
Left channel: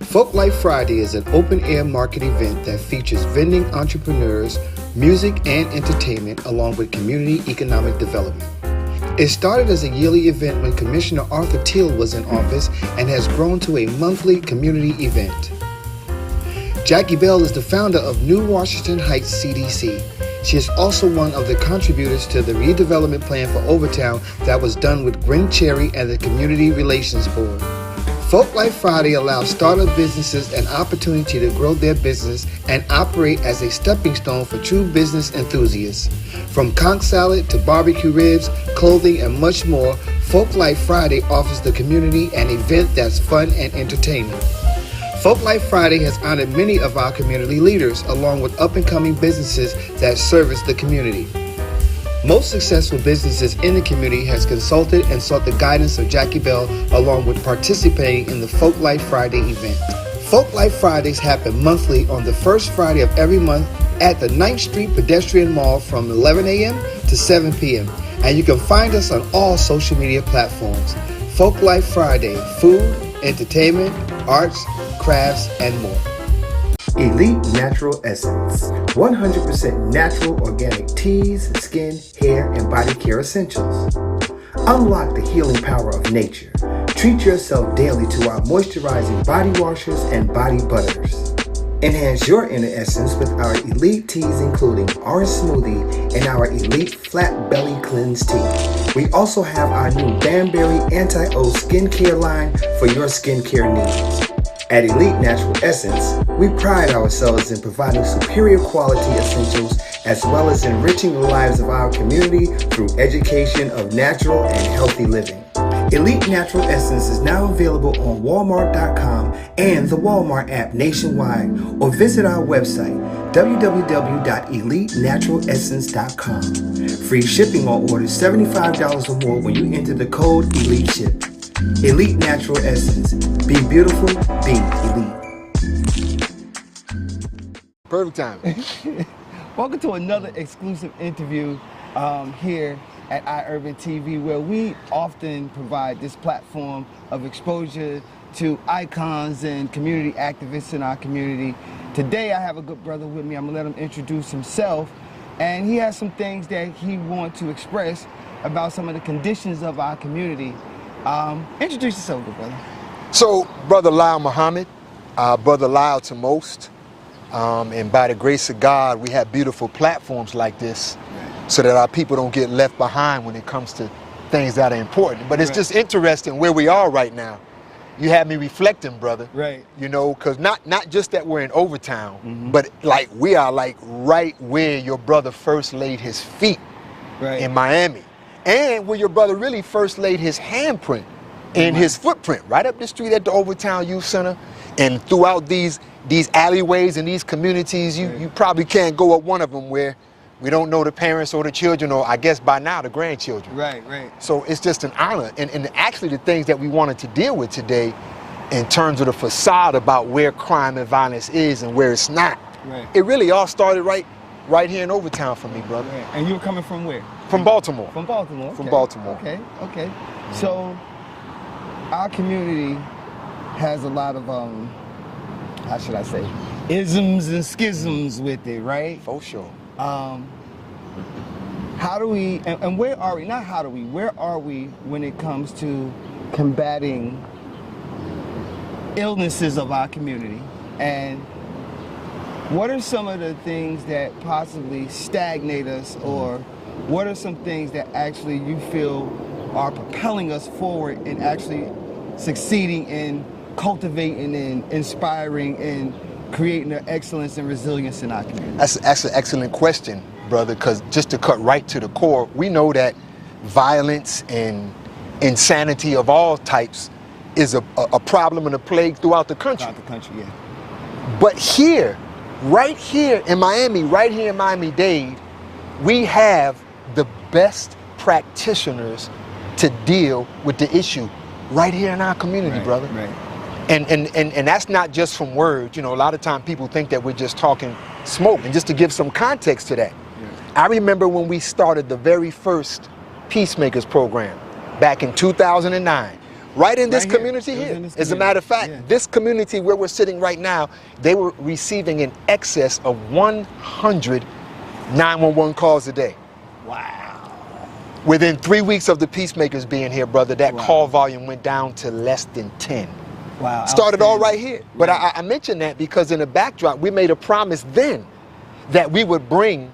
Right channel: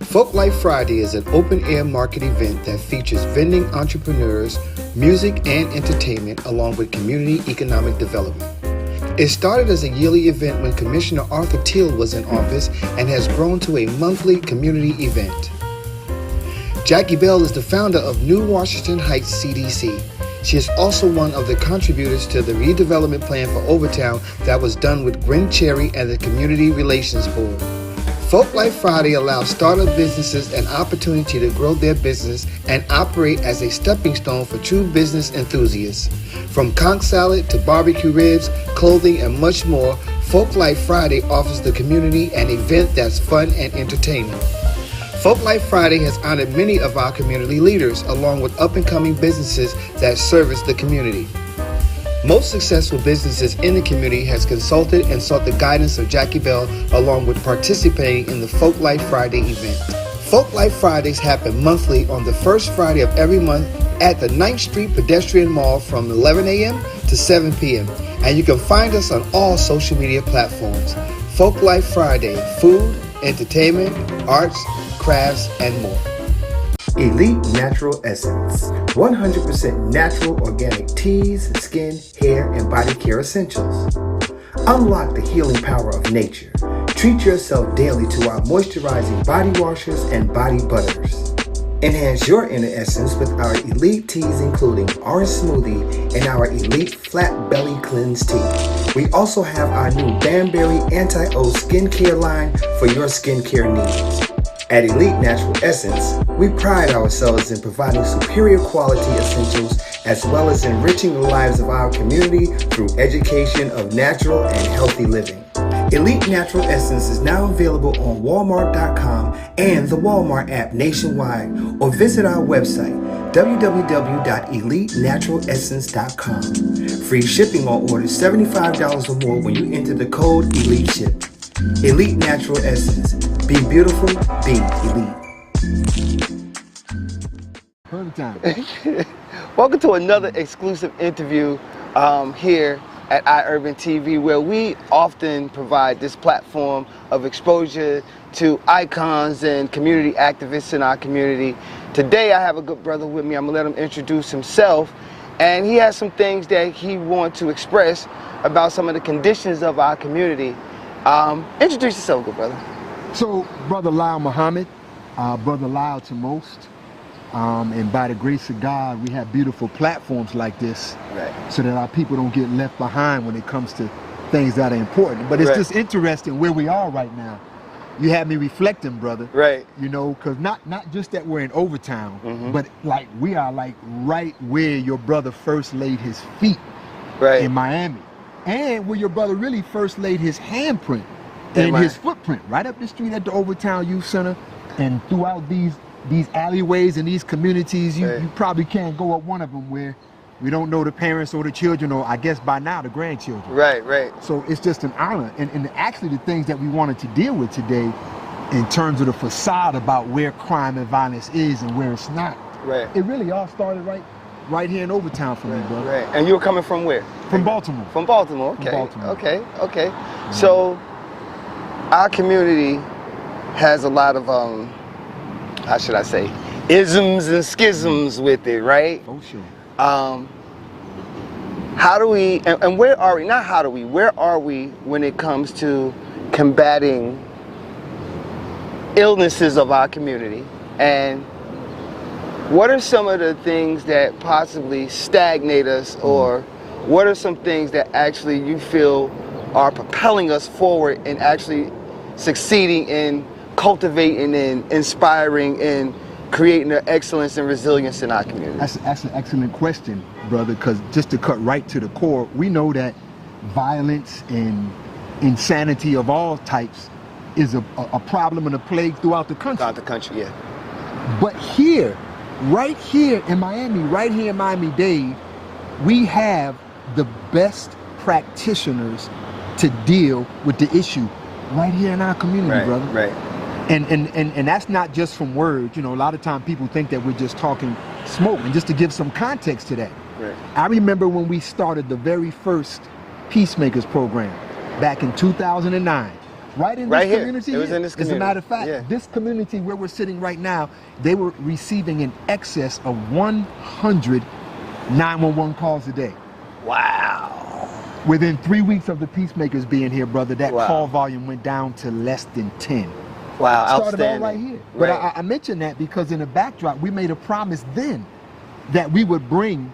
Folk Life Friday is an open-air market event that features vending entrepreneurs, music and entertainment, along with community economic development. It started as a yearly event when Commissioner Arthur Teal was in office and has grown to a monthly community event. Jackie Bell is the founder of New Washington Heights CDC. She is also one of the contributors to the redevelopment plan for Overtown that was done with Gwen Cherry and the Community Relations Board. Folk Life Friday allows startup businesses an opportunity to grow their business and operate as a stepping stone for true business enthusiasts. From conch salad to barbecue ribs, clothing, and much more, Folk Life Friday offers the community an event that's fun and entertaining. Folk Life Friday has honored many of our community leaders, along with up-and-coming businesses that service the community. Most successful businesses in the community has consulted and sought the guidance of Jackie Bell, along with participating in the Folk Life Friday event. Folk Life Fridays happen monthly on the first Friday of every month at the 9th Street Pedestrian Mall from 11 a.m. to 7 p.m. And you can find us on all social media platforms. Folk Life Friday, food, entertainment, arts, crafts, and more. Elite Natural Essence, 100% natural organic teas, skin, hair, and body care essentials. Unlock the healing power of nature. Treat yourself daily to our moisturizing body washes and body butters. Enhance your inner essence with our elite teas, including Orange Smoothie and our elite Flat Belly Cleanse Tea. We also have our new Banberry Anti-O skincare line for your skincare needs. At Elite Natural Essence, we pride ourselves in providing superior quality essentials as well as enriching the lives of our community through education of natural and healthy living. Elite Natural Essence is now available on Walmart.com and the Walmart app nationwide, or visit our website www.elitenaturalessence.com. Free shipping on orders $75 or more when you enter the code ELITESHIP. Elite Natural Essence. Be beautiful, be elite. Perfect time. Welcome to another exclusive interview here at iUrban TV, where we often provide this platform of exposure to icons and community activists in our community. Today I have a good brother with me. I'm gonna let him introduce himself, and he has some things that he wants to express about some of the conditions of our community. Introduce yourself, good brother. So, Brother Lyle Muhammad, Brother Lyle to most, and by the grace of God, we have beautiful platforms like this, so that our people don't get left behind when it comes to things that are important. But it's just interesting where we are right now. You have me reflecting, brother. Right. You know, because not just that we're in Overtown, but like we are like right where your brother first laid his feet in Miami. And where your brother really first laid his handprint and his footprint, right up the street at the Overtown Youth Center. And throughout these alleyways and these communities, you probably can't go up one of them where we don't know the parents or the children, or I guess by now the grandchildren. Right. So it's just an honor. And actually the things that we wanted to deal with today in terms of the facade about where crime and violence is and where it's not. It really all started right here in Overtown for me, brother. And you were coming from where? From Baltimore. From Baltimore, okay. From Baltimore. Okay. So our community has a lot of, how should I say, isms and schisms with it, right? For sure. How do we, and where are we, not how do we, where are we when it comes to combating illnesses of our community? And what are some of the things that possibly stagnate us, or what are some things that actually you feel are propelling us forward and actually succeeding in cultivating and inspiring and creating the excellence and resilience in our community? That's an excellent question, brother, because just to cut right to the core, we know that violence and insanity of all types is a problem and a plague throughout the country. Throughout the country, yeah. But here, right here in Miami-Dade, we have the best practitioners to deal with the issue right here in our community, brother. Right. And that's not just from words. You know, a lot of times people think that we're just talking smoke. And just to give some context to that, I remember when we started the very first Peacemakers program back in 2009. Right in this community here. As a matter of fact, this community where we're sitting right now, they were receiving in excess of 100 911 calls a day. Wow. Within 3 weeks of the Peacemakers being here, brother, that call volume went down to less than 10. Wow. Started all right here. But I mentioned that because in the backdrop, we made a promise then that we would bring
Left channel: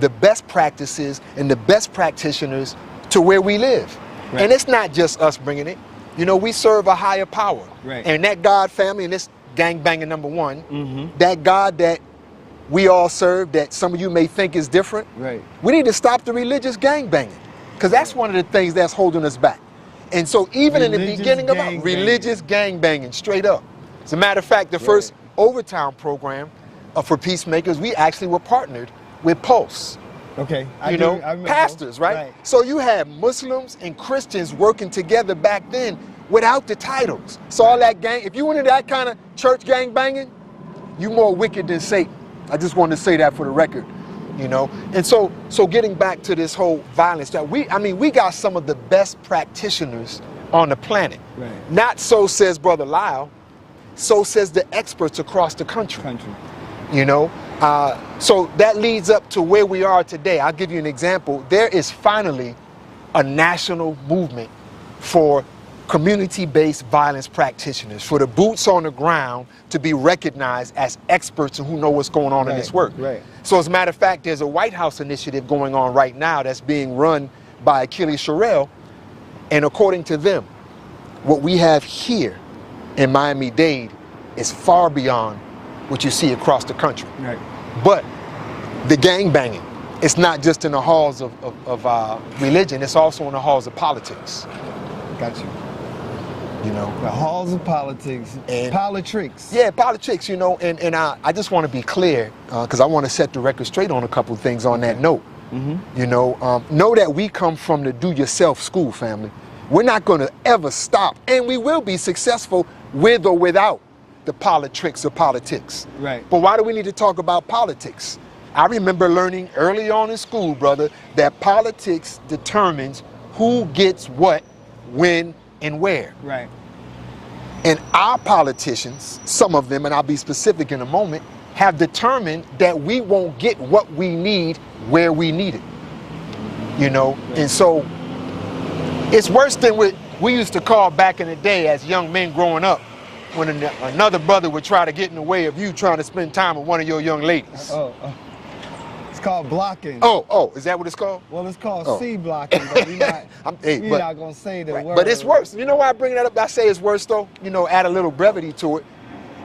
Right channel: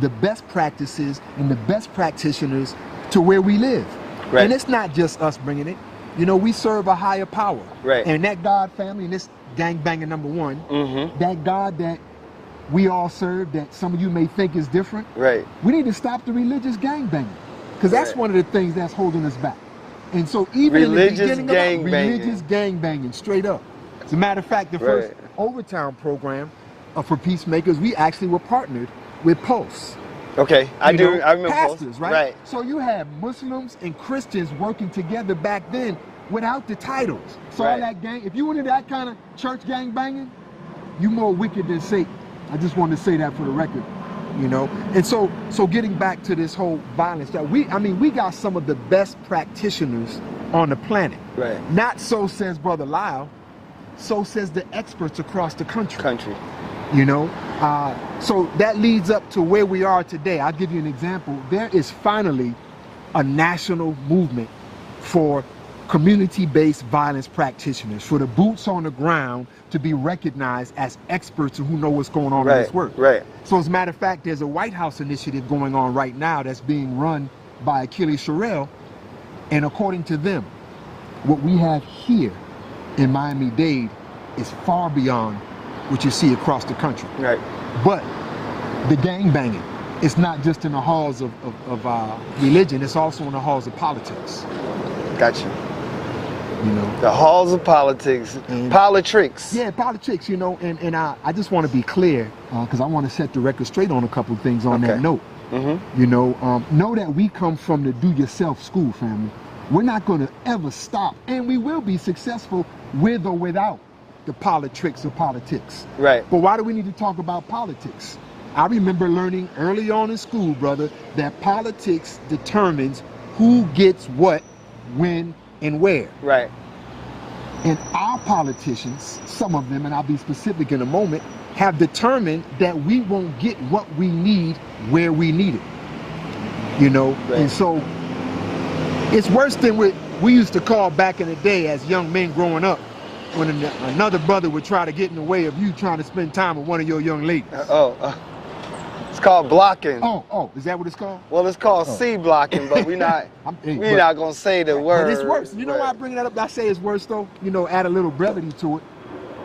the best practices and the best practitioners to where we live. And it's not just us bringing it. You know, we serve a higher power. And that God family, and this gangbanging number one, that God that we all serve, that some of you may think is different, we need to stop the religious gangbanging, because that's one of the things that's holding us back. And so even in the beginning of religious gangbanging, straight up. As a matter of fact, the first Overtown program for Peacemakers, we actually were partnered with Pulse. Okay, I remember pastors, right? So you had Muslims and Christians working together back then without the titles. So all that gang, if you went into that kind of church gang banging, you more wicked than Satan. I just wanted to say that for the record, you know? And so getting back to this whole violence, that we got some of the best practitioners on the planet. Not so says Brother Lyle, so says the experts across the country. You know? So that leads up to where we are today. I'll give you an example. There is finally a national movement for community-based violence practitioners, for the boots on the ground to be recognized as experts who know what's going on in this work. So as a matter of fact, there's a White House initiative going on right now that's being run by Achilles Sherrill, and according to them, what we have here in Miami-Dade is far beyond what you see across the country. But the gangbanging, it's not just in the halls of religion, it's also in the halls of politics. Gotcha. You know, the halls of politics, and politics. Yeah, politics, you know, and I just want to be clear, because I want to set the record straight on a couple of things on that note. You know that we come from the do-yourself school, family. We're not going to ever stop, and we will be successful with or without the politics of politics. But why do we need to talk about politics? I remember learning early on in school, brother, that politics determines who gets what, when, and where. Right. And our politicians, some of them, and I'll be specific in a moment, have determined that we won't get what we need where we need it. You know? Right. And so it's worse than what we used to call back in the day as young men growing up, when another brother would try to get in the way of you trying to spend time with one of your young ladies. It's called blocking. Oh, is that what it's called? Well, it's called C blocking, but we're not gonna say the word. But it's worse. You know why I bring that up? I say it's worse though. You know, add a little brevity to it.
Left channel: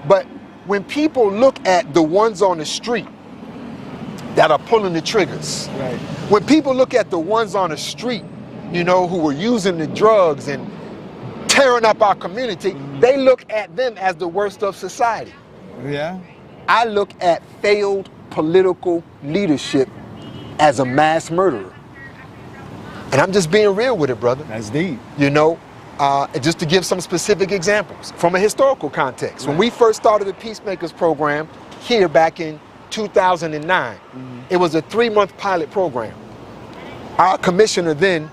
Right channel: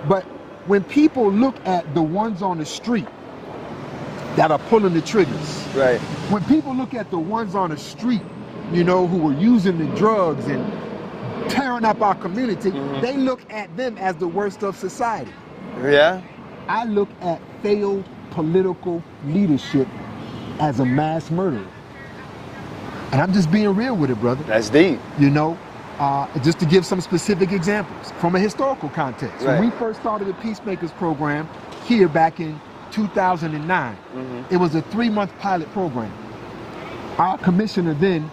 But when people look at the ones on the street that are pulling the triggers, right? When people look at the ones on the street, you know, who are using the drugs and tearing up our community, they look at them as the worst of society. Yeah. I look at failed political leadership as a mass murderer. And I'm just being real with it, brother. That's deep. You know, just to give some specific examples from a historical context. Right. When we first started the Peacemakers program here back in 2009, it was a 3-month pilot program. Our commissioner then,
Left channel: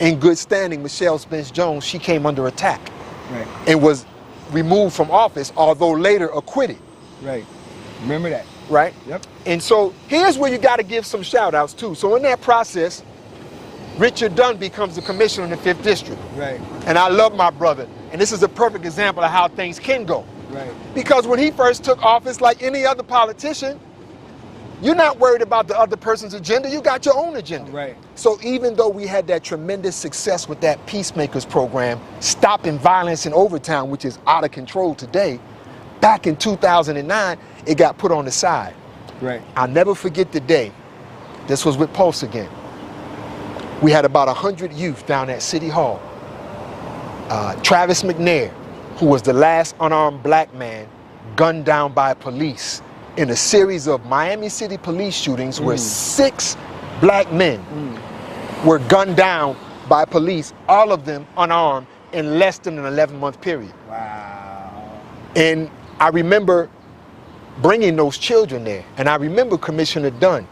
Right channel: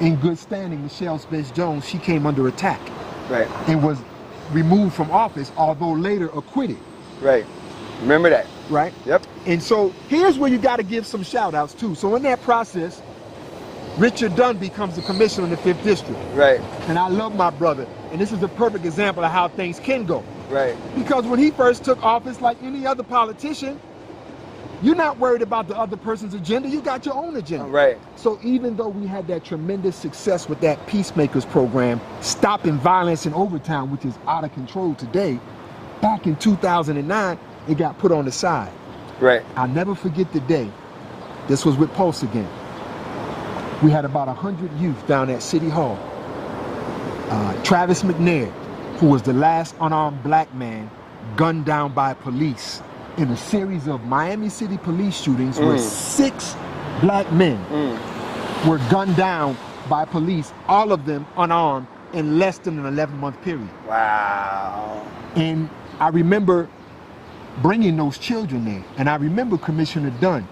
in good standing, Michelle Spence-Jones, she came under attack. Right. And was removed from office, although later acquitted. Right. Remember that. Right? Yep. And so here's where you got to give some shout outs too. So in that process, Richard Dunn becomes the commissioner in the 5th District. Right. And I love my brother. And this is a perfect example of how things can go. Right. Because when he first took office, like any other politician, you're not worried about the other person's agenda, you got your own agenda. Right. So even though we had that tremendous success with that Peacemakers program, stopping violence in Overtown, which is out of control today, back in 2009, it got put on the side. Right. I'll never forget the day. This was with Pulse again. We had about 100 youth down at City Hall. Travis McNair, who was the last unarmed black man gunned down by police in a series of Miami City police shootings where 6 black men were gunned down by police, all of them unarmed, in less than an 11-month period. Wow. And I remember bringing those children there. And I remember Commissioner Dunn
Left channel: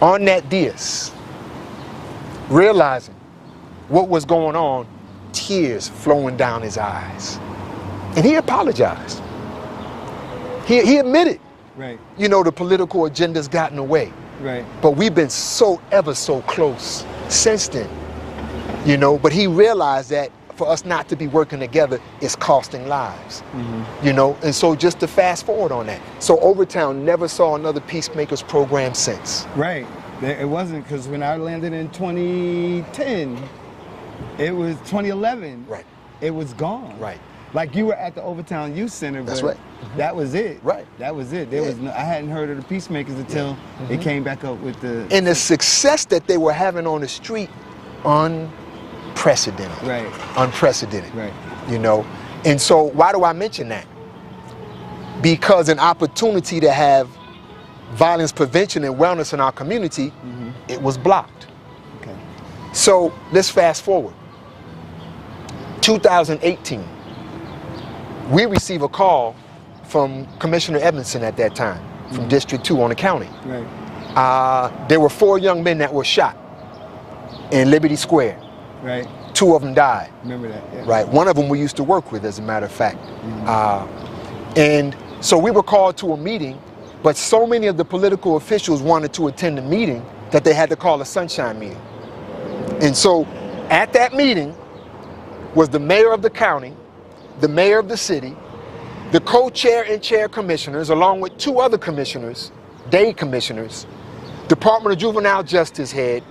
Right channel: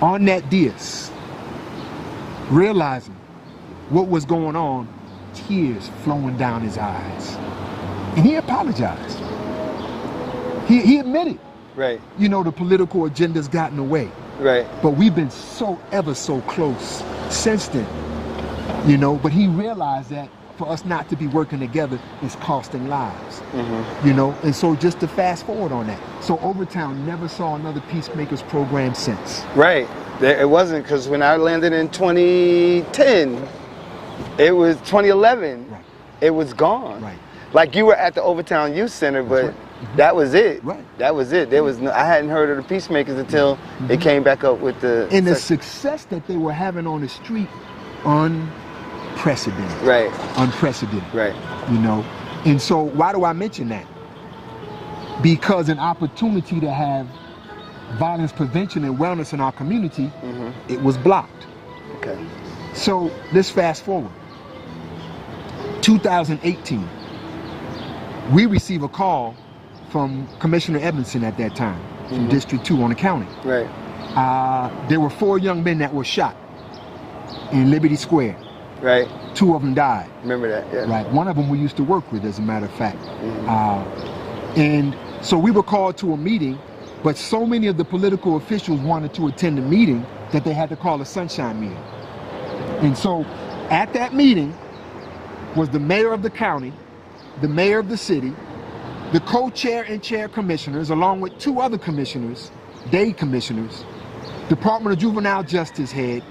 on that dais, realizing what was going on, tears flowing down his eyes. And he apologized. He admitted, right, you know, the political agenda's gotten away. Right. But we've been ever so close since then, you know, but he realized that for us not to be working together is costing lives, you know, and so just to fast forward on that. So Overtown never saw another Peacemakers program since. Right. It wasn't, because when I landed in 2010, it was 2011. Right. It was gone. Right. Like you were at the Overtown Youth Center, That's but right. that was it. Right. That was it. There was no, I hadn't heard of the Peacemakers until it came back up with the... And the success that they were having on the street, unprecedented. Right. Unprecedented. Right. You know, and so why do I mention that? Because an opportunity to have violence prevention and wellness in our community, it was blocked. Okay. So let's fast forward. 2018, we receive a call from Commissioner Edmondson at that time, from District 2 on the county. Right. There were 4 young men that were shot in Liberty Square. Right. 2 of them died. Remember that, yeah. Right. One of them we used to work with, as a matter of fact. And so we were called to a meeting, but so many of the political officials wanted to attend the meeting that they had to call a sunshine meeting. And so at that meeting was the mayor of the county, the mayor of the city, the co-chair and chair commissioners, along with 2 other commissioners, day commissioners, Department of Juvenile Justice head,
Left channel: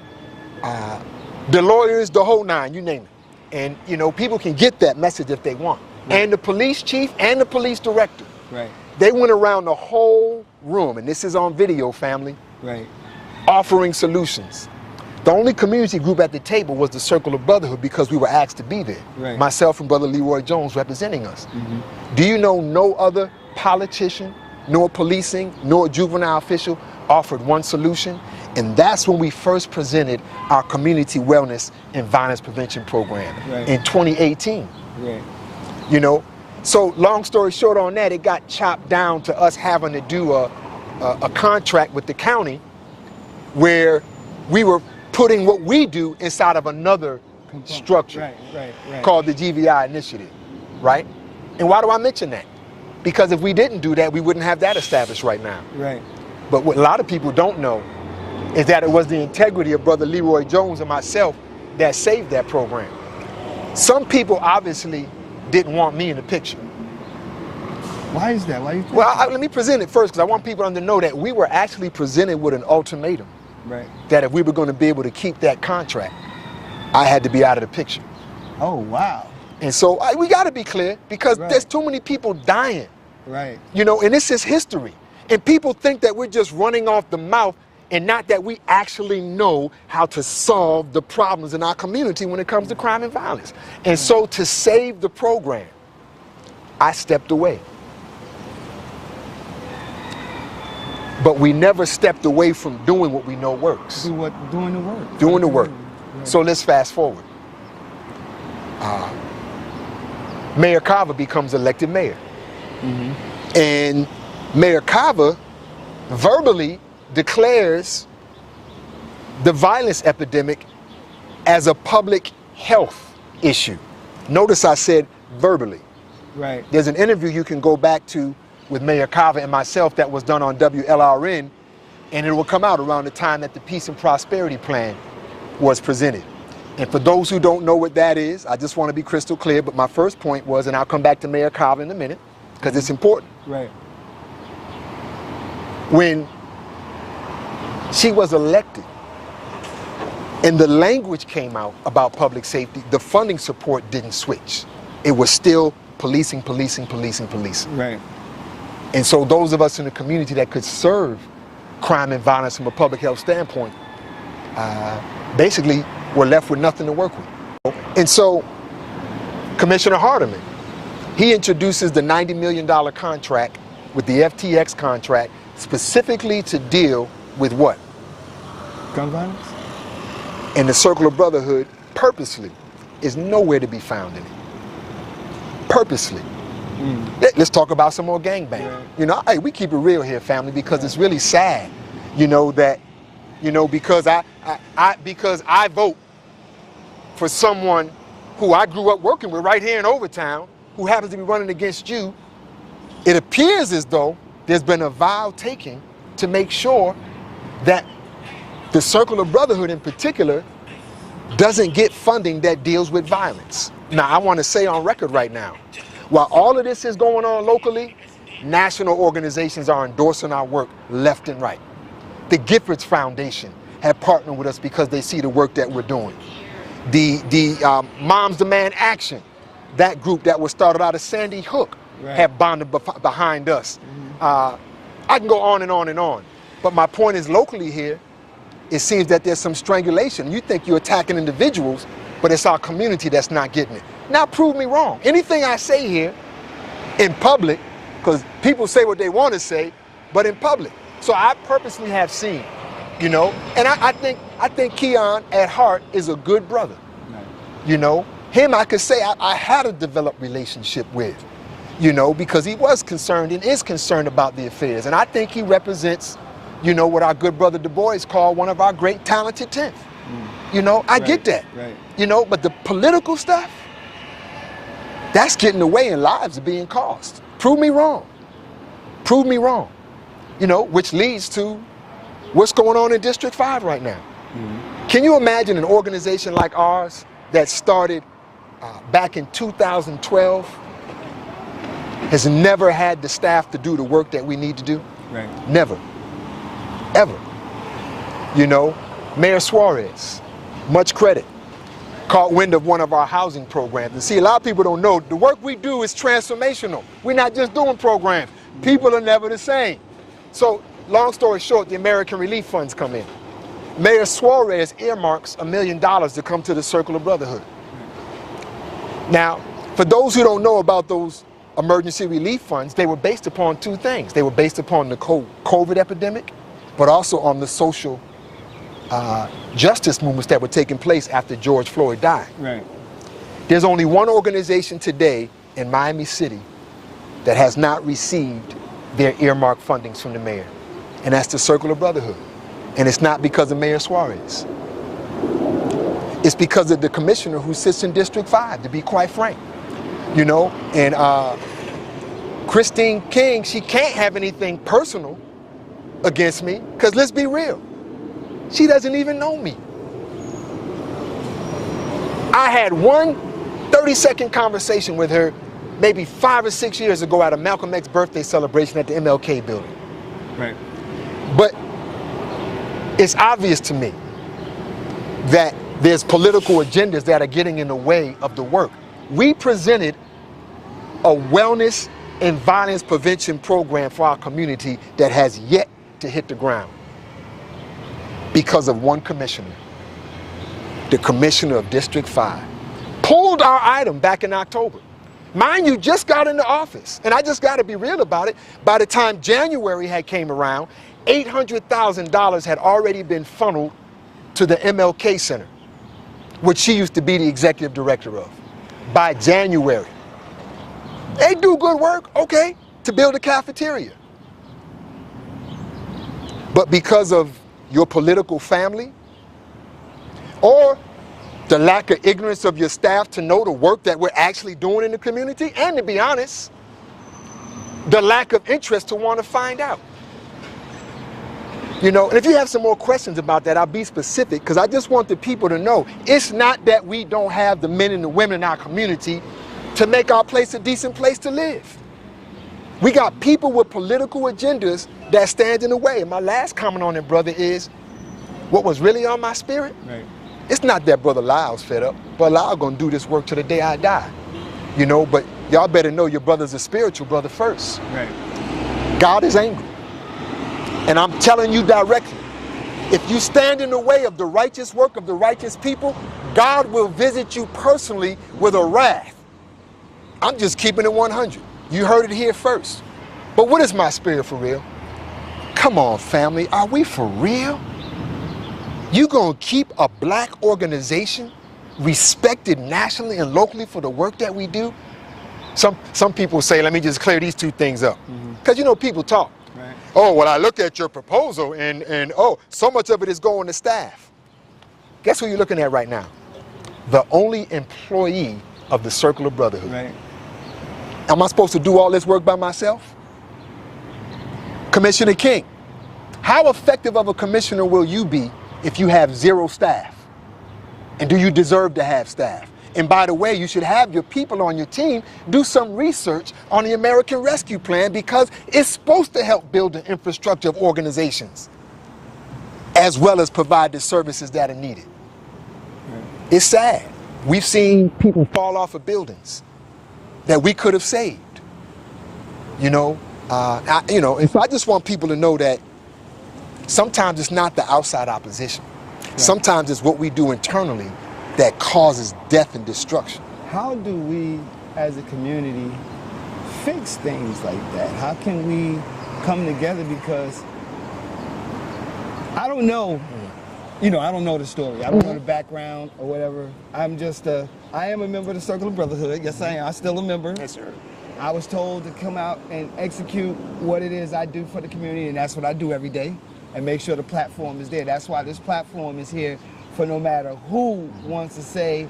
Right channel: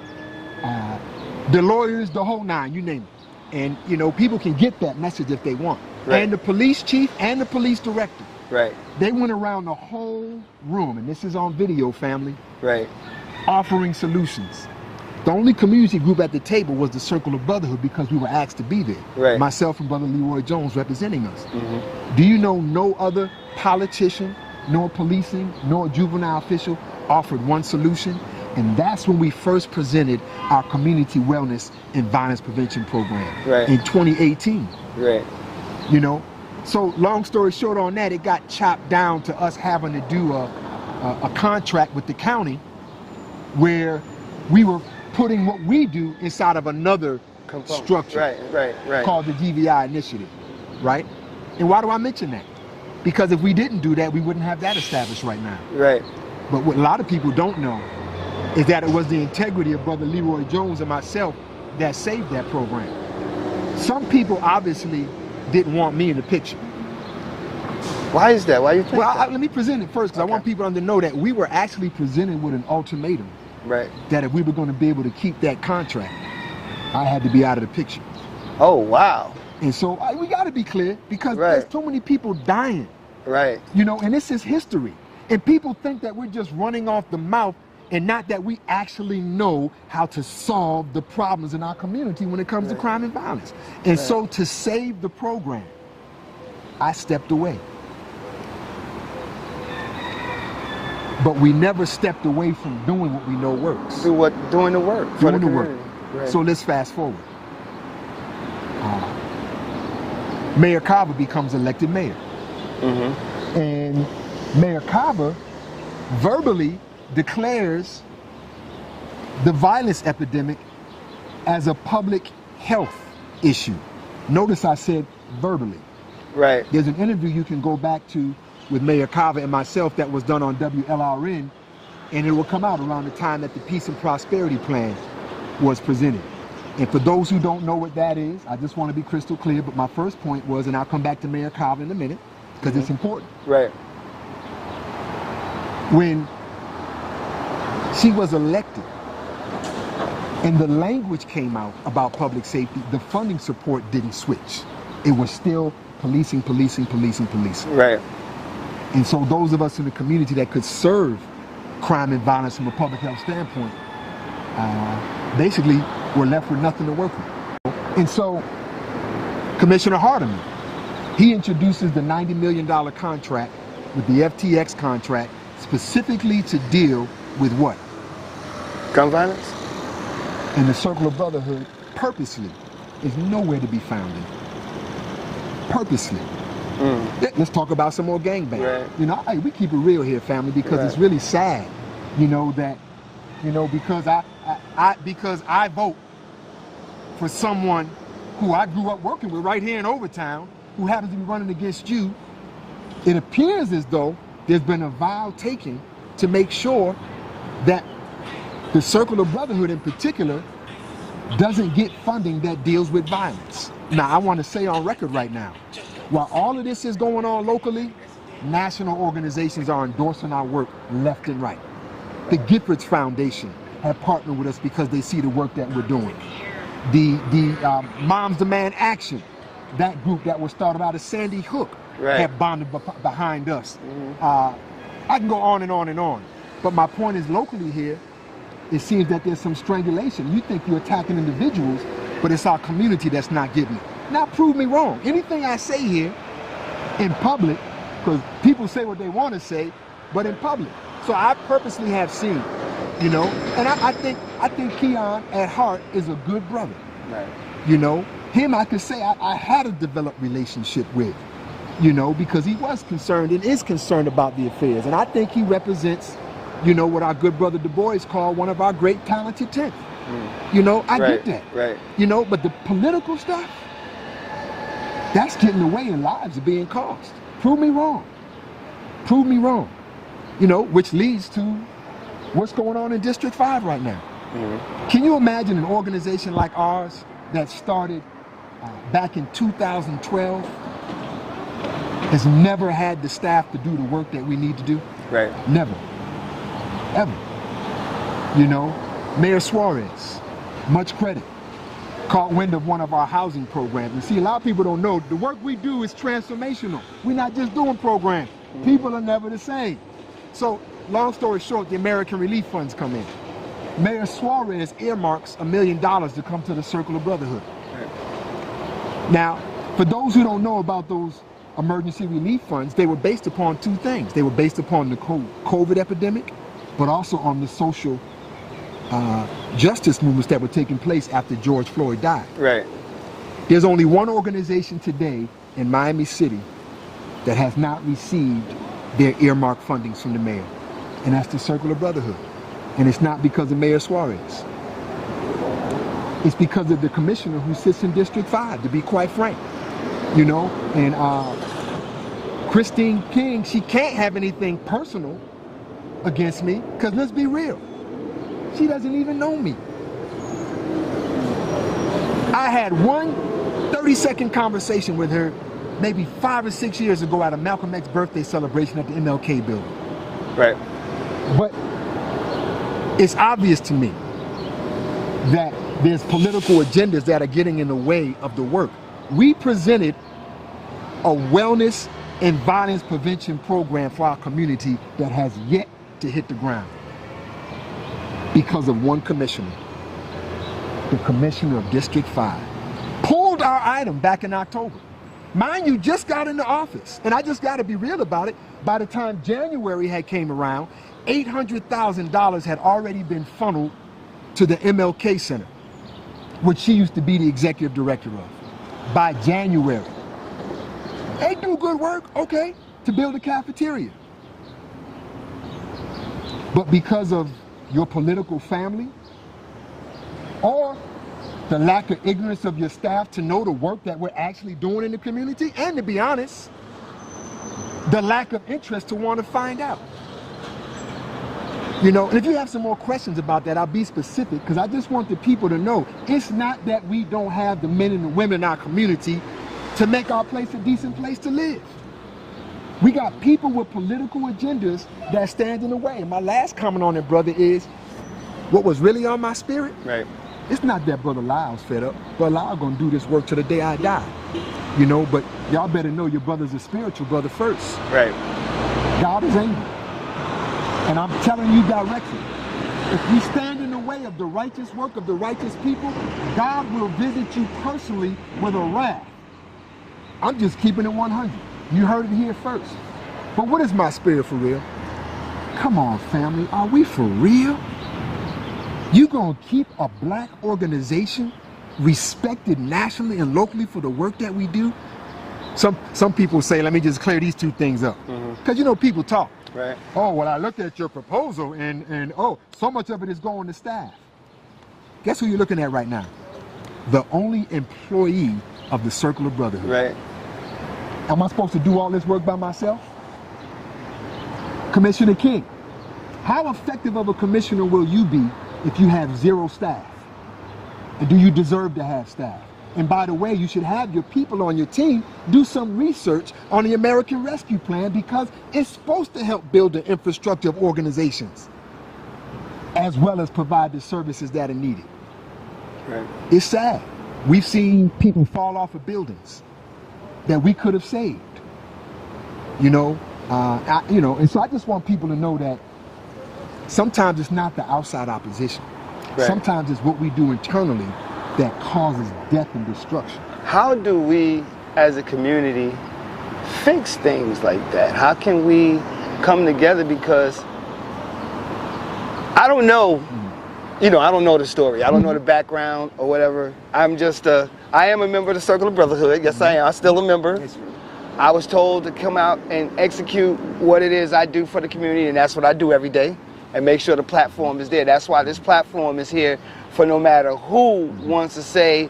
the lawyers, the whole 9, you name it. And, you know, people can get that message if they want. Right. And the police chief and the police director. Right. They went around the whole room, and this is on video, family, Right. offering solutions. The only community group at the table was the Circle of Brotherhood, because we were asked to be there. Right. Myself and Brother Leroy Jones representing us. Do you know no other politician, nor policing, nor juvenile official offered one solution? And that's when we first presented our community wellness and violence prevention program in 2018. Right. You know, so long story short on that, it got chopped down to us having to do a contract with the county where we were putting what we do inside of another structure Right. called the GVI Initiative, right? And why do I mention that? Because if we didn't do that, we wouldn't have that established right now. Right. But what a lot of people don't know is that it was the integrity of Brother Leroy Jones and myself that saved that program. Some people obviously didn't want me in the picture. Why is that? Why you think Well, that? let me present it first, because I want people to know that we were actually presented with an ultimatum. Right. That if we were going to be able to keep that contract, I had to be out of the picture. Oh, wow. And so we got to be clear, because there's too many people dying. Right. You know, and this is history. And people think that we're just running off the mouth and not that we actually know how to solve the problems in our community when it comes to crime and violence. And so to save the program, I stepped away. But we never stepped away from doing what we know works. Doing the work. Doing the work. Right. So let's fast forward. Mayor Carver becomes elected mayor. Mm-hmm. And Mayor Carver verbally declares the violence epidemic as a public health issue. Notice I said verbally. Right. There's an interview you can go back to with Mayor Carver and myself that was done on WLRN, and it will come out around the time that the Peace and Prosperity Plan was presented. And for those who don't know what that is, I just want to be crystal clear, but my first point was, and I'll come back to Mayor Carver in a minute, because it's important. Right. When she was elected and the language came out about public safety, the funding support didn't switch. It was still policing. Right. And so those of us in the community that could serve crime and violence from a public health standpoint, basically were left with nothing to work with. And so Commissioner Hardiman, he introduces the $90 million contract with the FTX contract specifically to deal with what? Gun violence? And the Circle of Brotherhood purposely is nowhere to be found in it. Purposely. Let's talk about some more gangbanging. Right. You know, hey, we keep it real here, family, because it's really sad, you know, that, you know, because I vote for someone who I grew up working with right here in Overtown, who happens to be running against you, it appears as though there's been a vow taken to make sure that the Circle of Brotherhood in particular doesn't get funding that deals with violence. Now, I want to say on record right now, while all of this is going on locally, national organizations are endorsing our work left and right. The Giffords Foundation have partnered with us because they see the work that we're doing. The Moms Demand Action, that group that was started out of Sandy Hook, have bonded behind us. I can go on and on and on. But my point is, locally here, it seems that there's some strangulation. You think you're attacking individuals, but it's our community that's not getting it. Now prove me wrong. Anything I say here in public, because people say what they want to say, but in public. So I purposely have seen, you know, and I think Keon at heart is a good brother. Right. You know, him I could say I had a developed relationship with, you know, because he was concerned and is concerned about the affairs. And I think he represents, you know, what our good brother Du Bois called one of our great talented 10th. You know, I get that. Right. You know, but the political stuff, that's getting away and lives are being cost. Prove me wrong. Prove me wrong. You know, which leads to what's going on in District 5 right now. Can you imagine an organization like ours that started back in 2012 has never had the staff to do the work that we need to do? Right. Never. Ever. You know, Mayor Suarez, much credit, caught wind of one of our housing programs. And see, a lot of people don't know, the work we do is transformational. We're not just doing programs. People are never the same. So, long story short, the American Relief Funds come in. Mayor Suarez earmarks $1 million to come to the Circle of Brotherhood. Now, for those who don't know about those emergency relief funds, they were based upon two things. They were based upon the COVID epidemic, but also on the social justice movements that were taking place after George Floyd died. Right. There's only one organization today in Miami City that has not received their earmarked fundings from the mayor. And that's the Circle of Brotherhood. And it's not because of Mayor Suarez. It's because of the commissioner who sits in District 5, to be quite frank. You know, and Christine King, she can't have anything personal against me, because let's be real, she doesn't even know me. I had one 30-second conversation with her maybe 5 or 6 years ago at a Malcolm X birthday celebration at the MLK building. Right. But it's obvious to me that there's political agendas that are getting in the way of the work. We presented a wellness and violence prevention program for our community that has yet to hit the ground because of one commissioner. The commissioner of District 5 pulled our item back in October. Mind you, just got into office, and I just got to be real about it. By the time January had came around, $800,000 had already been funneled to the MLK Center, which she used to be the executive director of. By January, they do good work, okay, to build a cafeteria. But because of your political family, or the lack of ignorance of your staff to know the work that we're actually doing in the community, and to be honest, the lack of interest to want to find out. You know, and if you have some more questions about that, I'll be specific, because I just want the people to know it's not that we don't have the men and the women in our community to make our place a decent place to live. We got people with political agendas that stand in the way. And my last comment on it, brother, is what was really on my spirit. Right. It's not that Brother Lyle's fed up. Brother Lyle gonna do this work till the day I die. You know, but y'all better know your brother's a spiritual brother first. Right. God is angry. And I'm telling you directly, if you stand in the way of the righteous work of the righteous people, God will visit you personally with a wrath. I'm just keeping it 100. You heard it here first. But what is my spirit for real? Come on, family, are we for real? You gonna keep a black organization respected nationally and locally for the work that we do? Some people say, let me just clear these two things up. Because you know, people talk. Right. Oh, well, I looked at your proposal and oh, so much of it is going to staff. Guess who you're looking at right now? The only employee of the Circle of Brotherhood. Right. Am I supposed to do all this work by myself? Commissioner King, how effective of a commissioner will you be if you have 0 staff? And do you deserve to have staff? And by the way, you should have your people on your team do some research on the American Rescue Plan, because it's supposed to help build the infrastructure of organizations as well as provide the services that are needed. Right. It's sad. We've seen people fall off of buildings that we could have saved. You know, and so I just want people to know that sometimes it's not the outside opposition. Right. Sometimes it's what we do internally that causes death and destruction. How do we, as a community, fix things like that? How can we come together? Because I don't know, you know, I don't know the story. I don't know the background or whatever. I am a member of the Circle of Brotherhood. Yes, I am. I'm still a member. Yes, sir. I was told to come out and execute what it is I do for the community, and that's what I do every day, and make sure the platform is there. That's why this platform is here, for no matter who wants to say,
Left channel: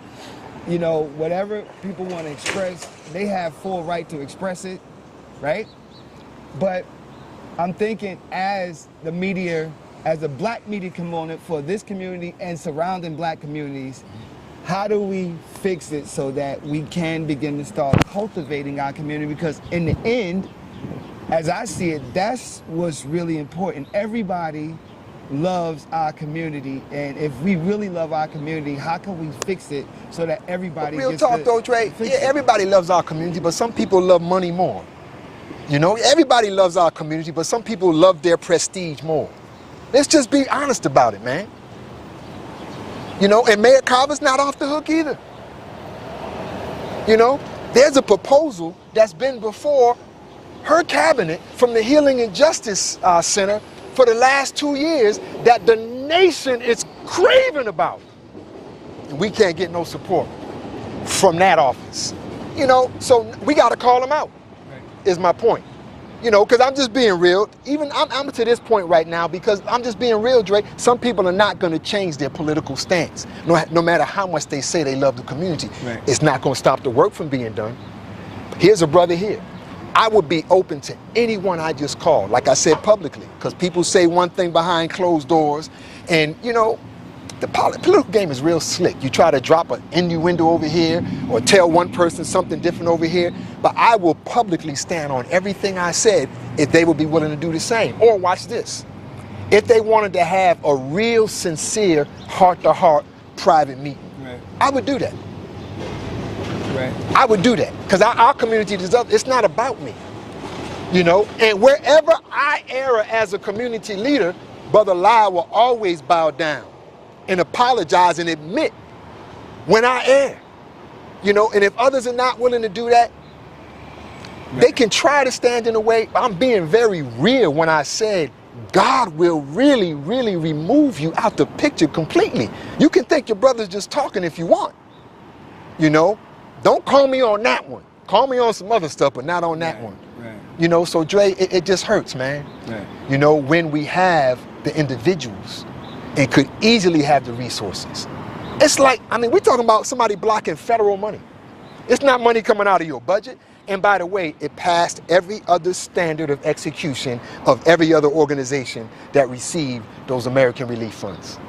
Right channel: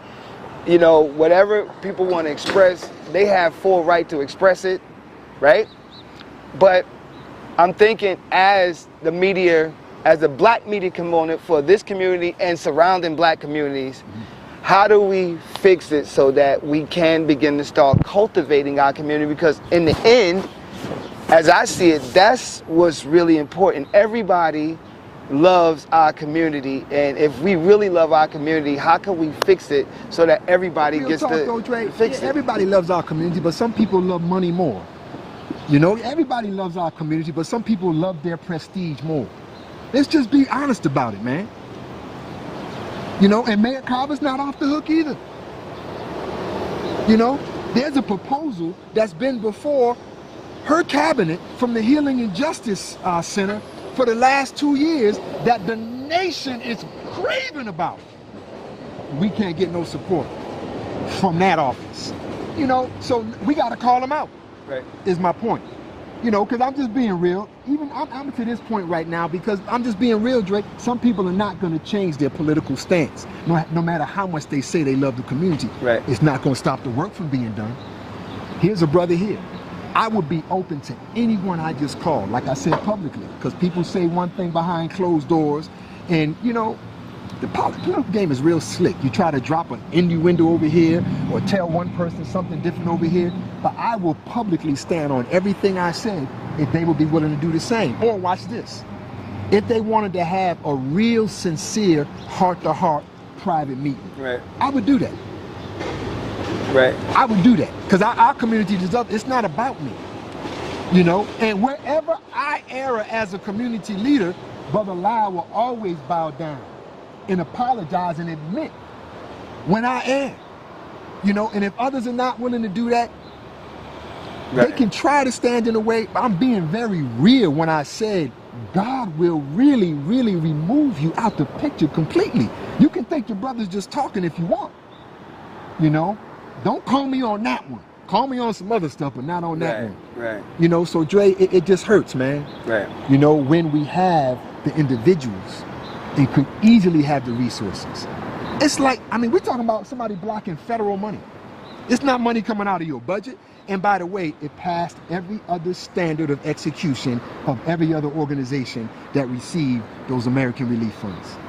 you know, whatever people want to express, they have full right to express it, right? But I'm thinking, as the media, as the black media component for this community and surrounding black communities, how do we fix it so that we can begin to start cultivating our community? Because in the end, as I see it, that's what's really important. Everybody loves our community, and if we really love our community, how can we fix it so that everybody gets to fix it? Everybody loves our community, but some people love money more. You know, everybody loves our community, but some people love their prestige more. Let's just be honest about it, man. You know, and Mayor Carver's not off the hook either. You know, there's a proposal that's been before her cabinet from the Healing and Justice Center for the last 2 years that the nation is craving about. And we can't get no support from that office. You know, so we got to call them out, right, is my point. You know, because I'm just being real. Even I'm to this point right now because I'm just being real, Dre. Some people are not going to change their political stance. No matter how much they say they love the community. Right. It's not going to stop the work from being done. Here's a brother here. I would be open to anyone I just called, like I said publicly, because people say one thing behind closed doors. And, you know, the political game is real slick. You try to drop an innuendo over here or tell one person something different over here, but I will publicly stand on everything I said if they would be willing to do the same. Or watch this. If they wanted to have a real, sincere, heart-to-heart private meeting, Right. I would do that. Right. I would do that because our community is up. It's not about me, you know? And wherever I err as a community leader, Brother Lyle will always bow down and apologize and admit when I err, you know? And if others are not willing to do that, Right. they can try to stand in the way. I'm being very real when I said God will really, really remove you out the picture completely. You can think your brother's just talking if you want, you know? Don't call me on that one. Call me on some other stuff, but not on that Right. one. Right. You know, so Dre, it just hurts, man. Right. You know, when we have the individuals and could easily have the resources. It's like, I mean, we're talking about somebody blocking federal money. It's not money coming out of your budget. And by the way, it passed every other standard of execution of every other organization that received those American relief funds.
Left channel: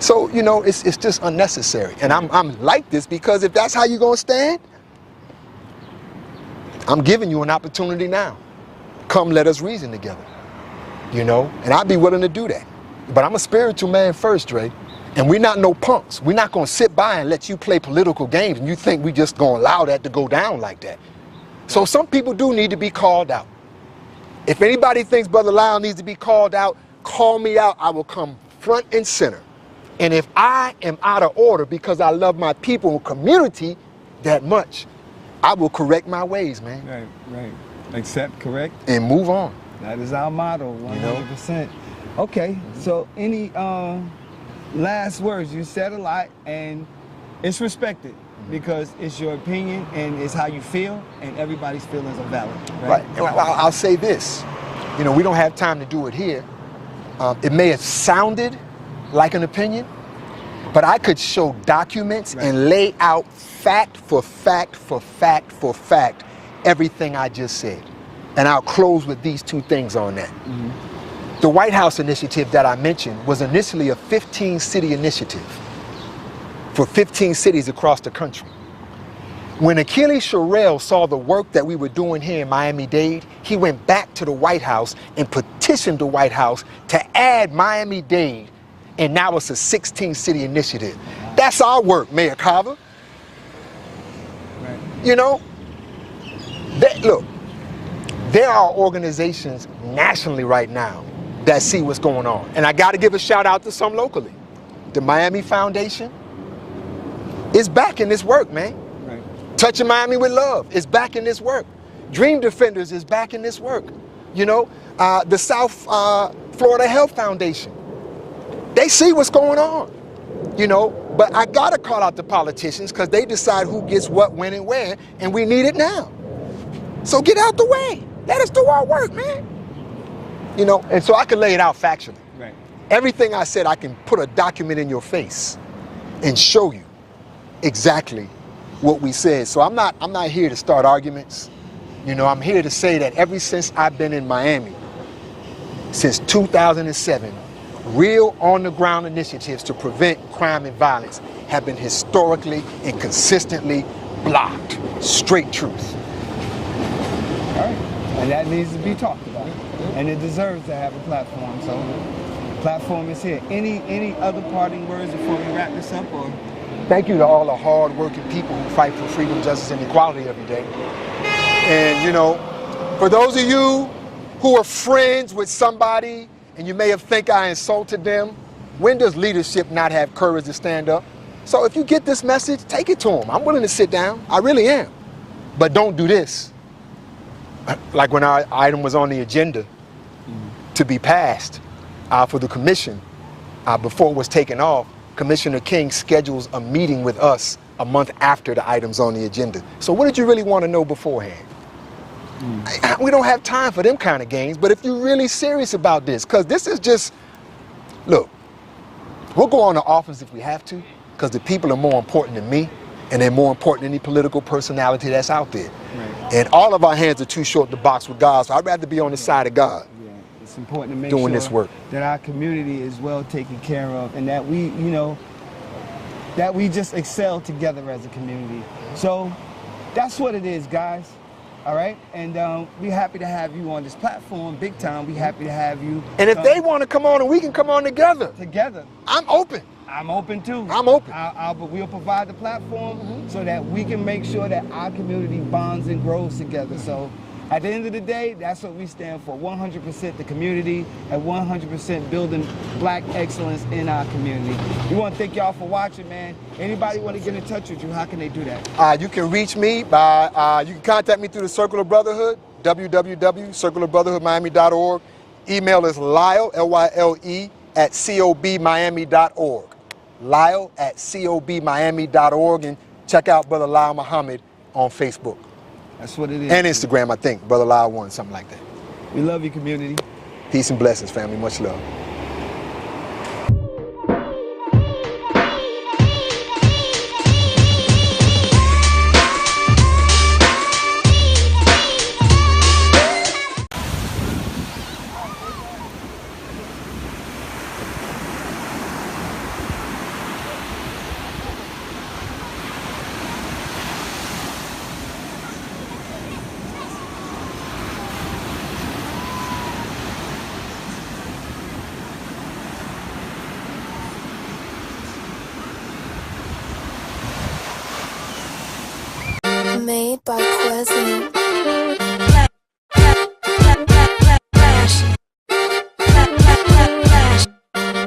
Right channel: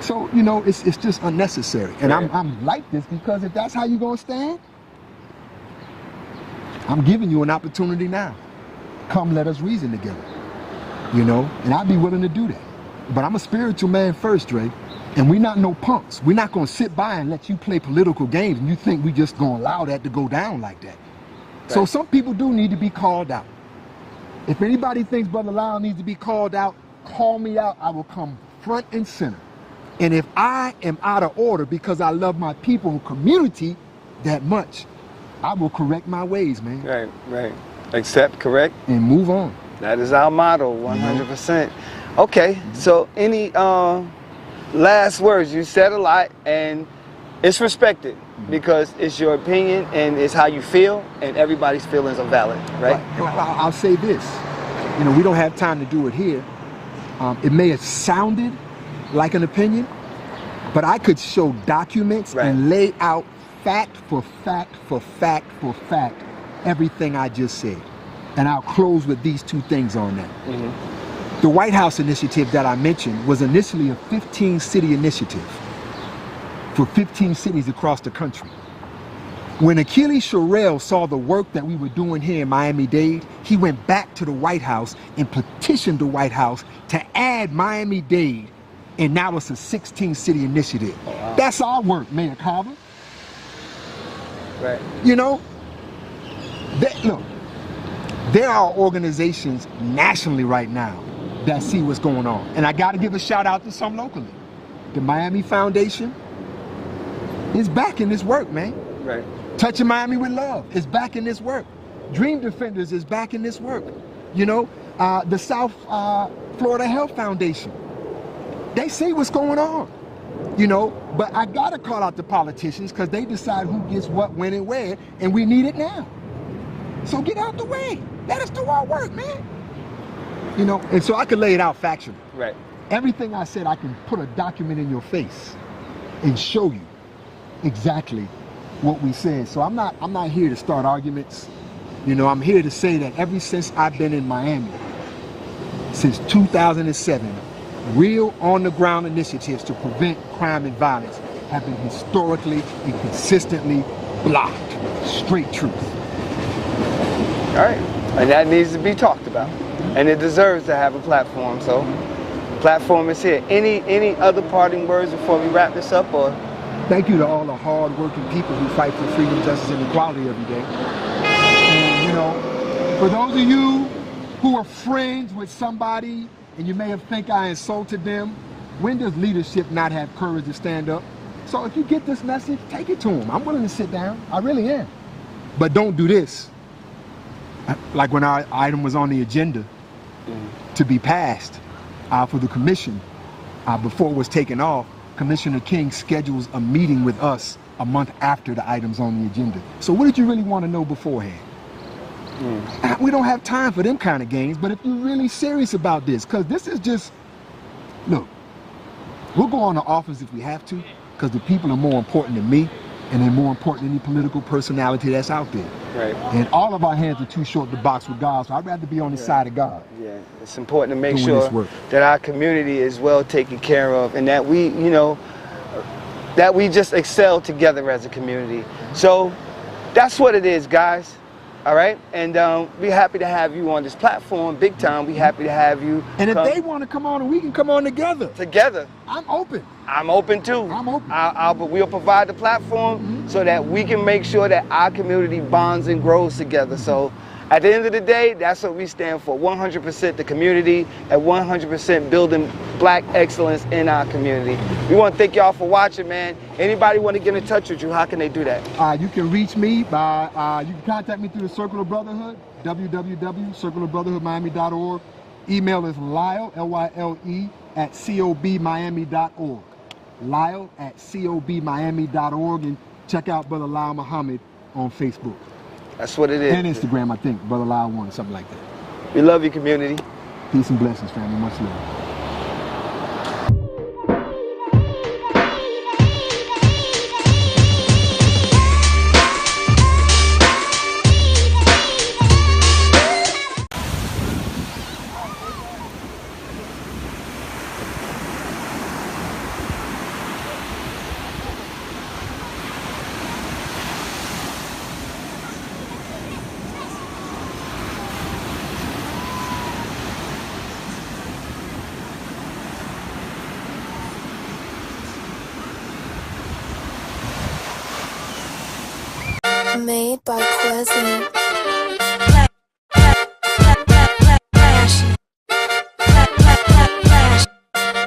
So, you know, it's just unnecessary. And I'm like this because if that's how you're gonna stand, I'm giving you an opportunity now. Come, let us reason together, you know? And I'd be willing to do that. But I'm a spiritual man first, Dre. And we're not no punks. We're not gonna sit by and let you play political games and you think we just gonna allow that to go down like that. Right. So some people do need to be called out. If anybody thinks Brother Lyle needs to be called out, call me out. I will come front and center. And if I am out of order because I love my people and community that much, I will correct my ways, man. Right, right. Accept, correct. And move on. That is our motto, 100%. Okay, so any last words? You said a lot, and it's respected because it's your opinion and it's how you feel, and everybody's feelings are valid, right? I'll say this. You know, we don't have time to do it here. It may have sounded like an opinion, but I could show documents and lay out fact for fact for fact for fact everything I just said. And I'll close with these two things on that. The White House initiative that I mentioned was initially a 15-city initiative for 15 cities across the country. When Achilles Sherrill saw the work that we were doing here in Miami-Dade, he went back to the White House and petitioned the White House to add Miami-Dade, and now it's a 16-city initiative. Wow. That's our work, Mayor Carver. Right. You know, look, there are organizations nationally right now that see what's going on. And I got to give a shout out to some locally. The Miami Foundation is back in this work, man. Right. Touching Miami with Love is back in this work. Dream Defenders is back in this work. You know, the South Florida Health Foundation, they see what's going on. You know, but I gotta call out the politicians because they decide who gets what, when, and where, and we need it now. So get out the way. Let us do our work, man. You know, and so I can lay it out factually. Right. Everything I said, I can put a document in your face and show you exactly what we said. So I'm not here to start arguments. You know, I'm here to say that ever since I've been in Miami, since 2007, real on-the-ground initiatives to prevent crime and violence have been historically and consistently blocked. Straight truth. All right, and that needs to be talked about, and it deserves to have a platform. So, the platform is here. Any other parting words before we wrap this up, or? Thank you to all the hard-working people who fight for freedom, justice, and equality every day. And you know, for those of you who are friends with somebody and you may have think I insulted them, when does leadership not have courage to stand up? So if you get this message, take it to them. I'm willing to sit down. I really am. But don't do this. Like when our item was on the agenda to be passed for the commission, before it was taken off, Commissioner King schedules a meeting with us a month after the item's on the agenda. So what did you really want to know beforehand? We don't have time for them kind of games. But if you're really serious about this, because this is just, look, we'll go on the offense if we have to, because the people are more important than me, and they're more important than any political personality that's out there. Right. And all of our hands are too short to box with God, so I'd rather be on the side of God. Yeah, it's important to make Doing sure this work. that our community is well taken care of, and that we, you know, that we just excel together as a community. So that's what it is, guys. All right, and we're happy to have you on this platform, big time. We're happy to have you. And if they want to come on, and we can come on together. Together. I'm open. I'm open too. I'm open. But we'll provide the platform so that we can make sure that our community bonds and grows together. So at the end of the day, that's what we stand for. 100% the community and 100% building black excellence in our community. We want to thank y'all for watching, man. Anybody want to get in touch with you, how can they do that? You can reach me by, you can contact me through the Circle of Brotherhood, www.circleofbrotherhoodmiami.org. Email is Lyle, L-Y-L-E, at cobmiami.org. Lyle at cobmiami.org, and check out Brother Lyle Muhammad on Facebook. That's what it is. And Instagram, I think. Brother Lyle 1, something like that. We love you, community. Peace and blessings, family. Much love. Made by Quezin.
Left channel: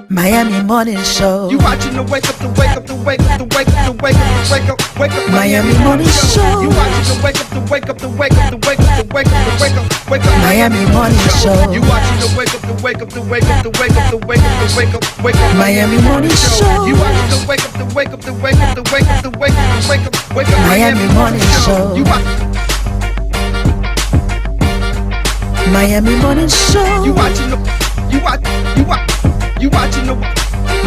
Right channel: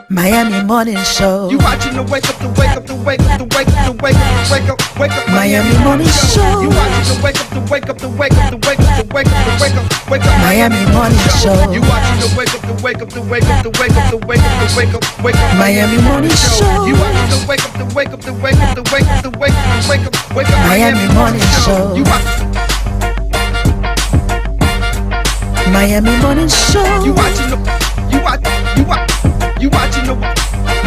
Miami Morning Show. You watching the wake up, the wake up, the wake up, the wake up, the wake up, the wake up, wake up. Miami Morning Show. You watching the wake up, the wake up, the wake up, the wake up, the wake up, the wake up, wake up. Miami Morning Show. You watching the wake up, the wake up, the wake up, the wake up, the wake up, the wake up, wake up. Miami Morning Show. You watching the wake up, the wake up, the wake up, the wake up, the wake up, the wake up, wake up. Miami Morning Show. You Miami Morning Show. watching the you watching the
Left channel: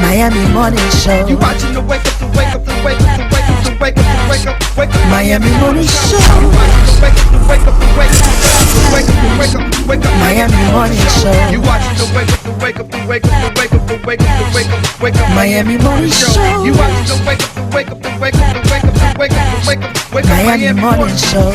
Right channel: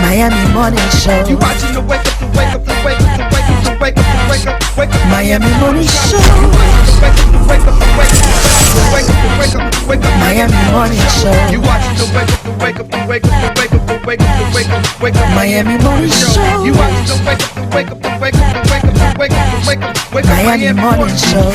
Miami Morning Show. you watching the wake up, the wake up, the wake up, the wake up, the wake up, the wake up, wake up. Miami Morning Show. You watching the wake up, the wake up, the wake up, the wake up, the wake up, the wake up. Miami Morning Show. You watching the wake up, the wake up, the wake up, the wake up, the wake up, the wake up, wake up. Miami Morning Show. You watching the wake up, the wake up, the wake up, the wake up, the wake up, the wake up, wake up. Miami Morning Show.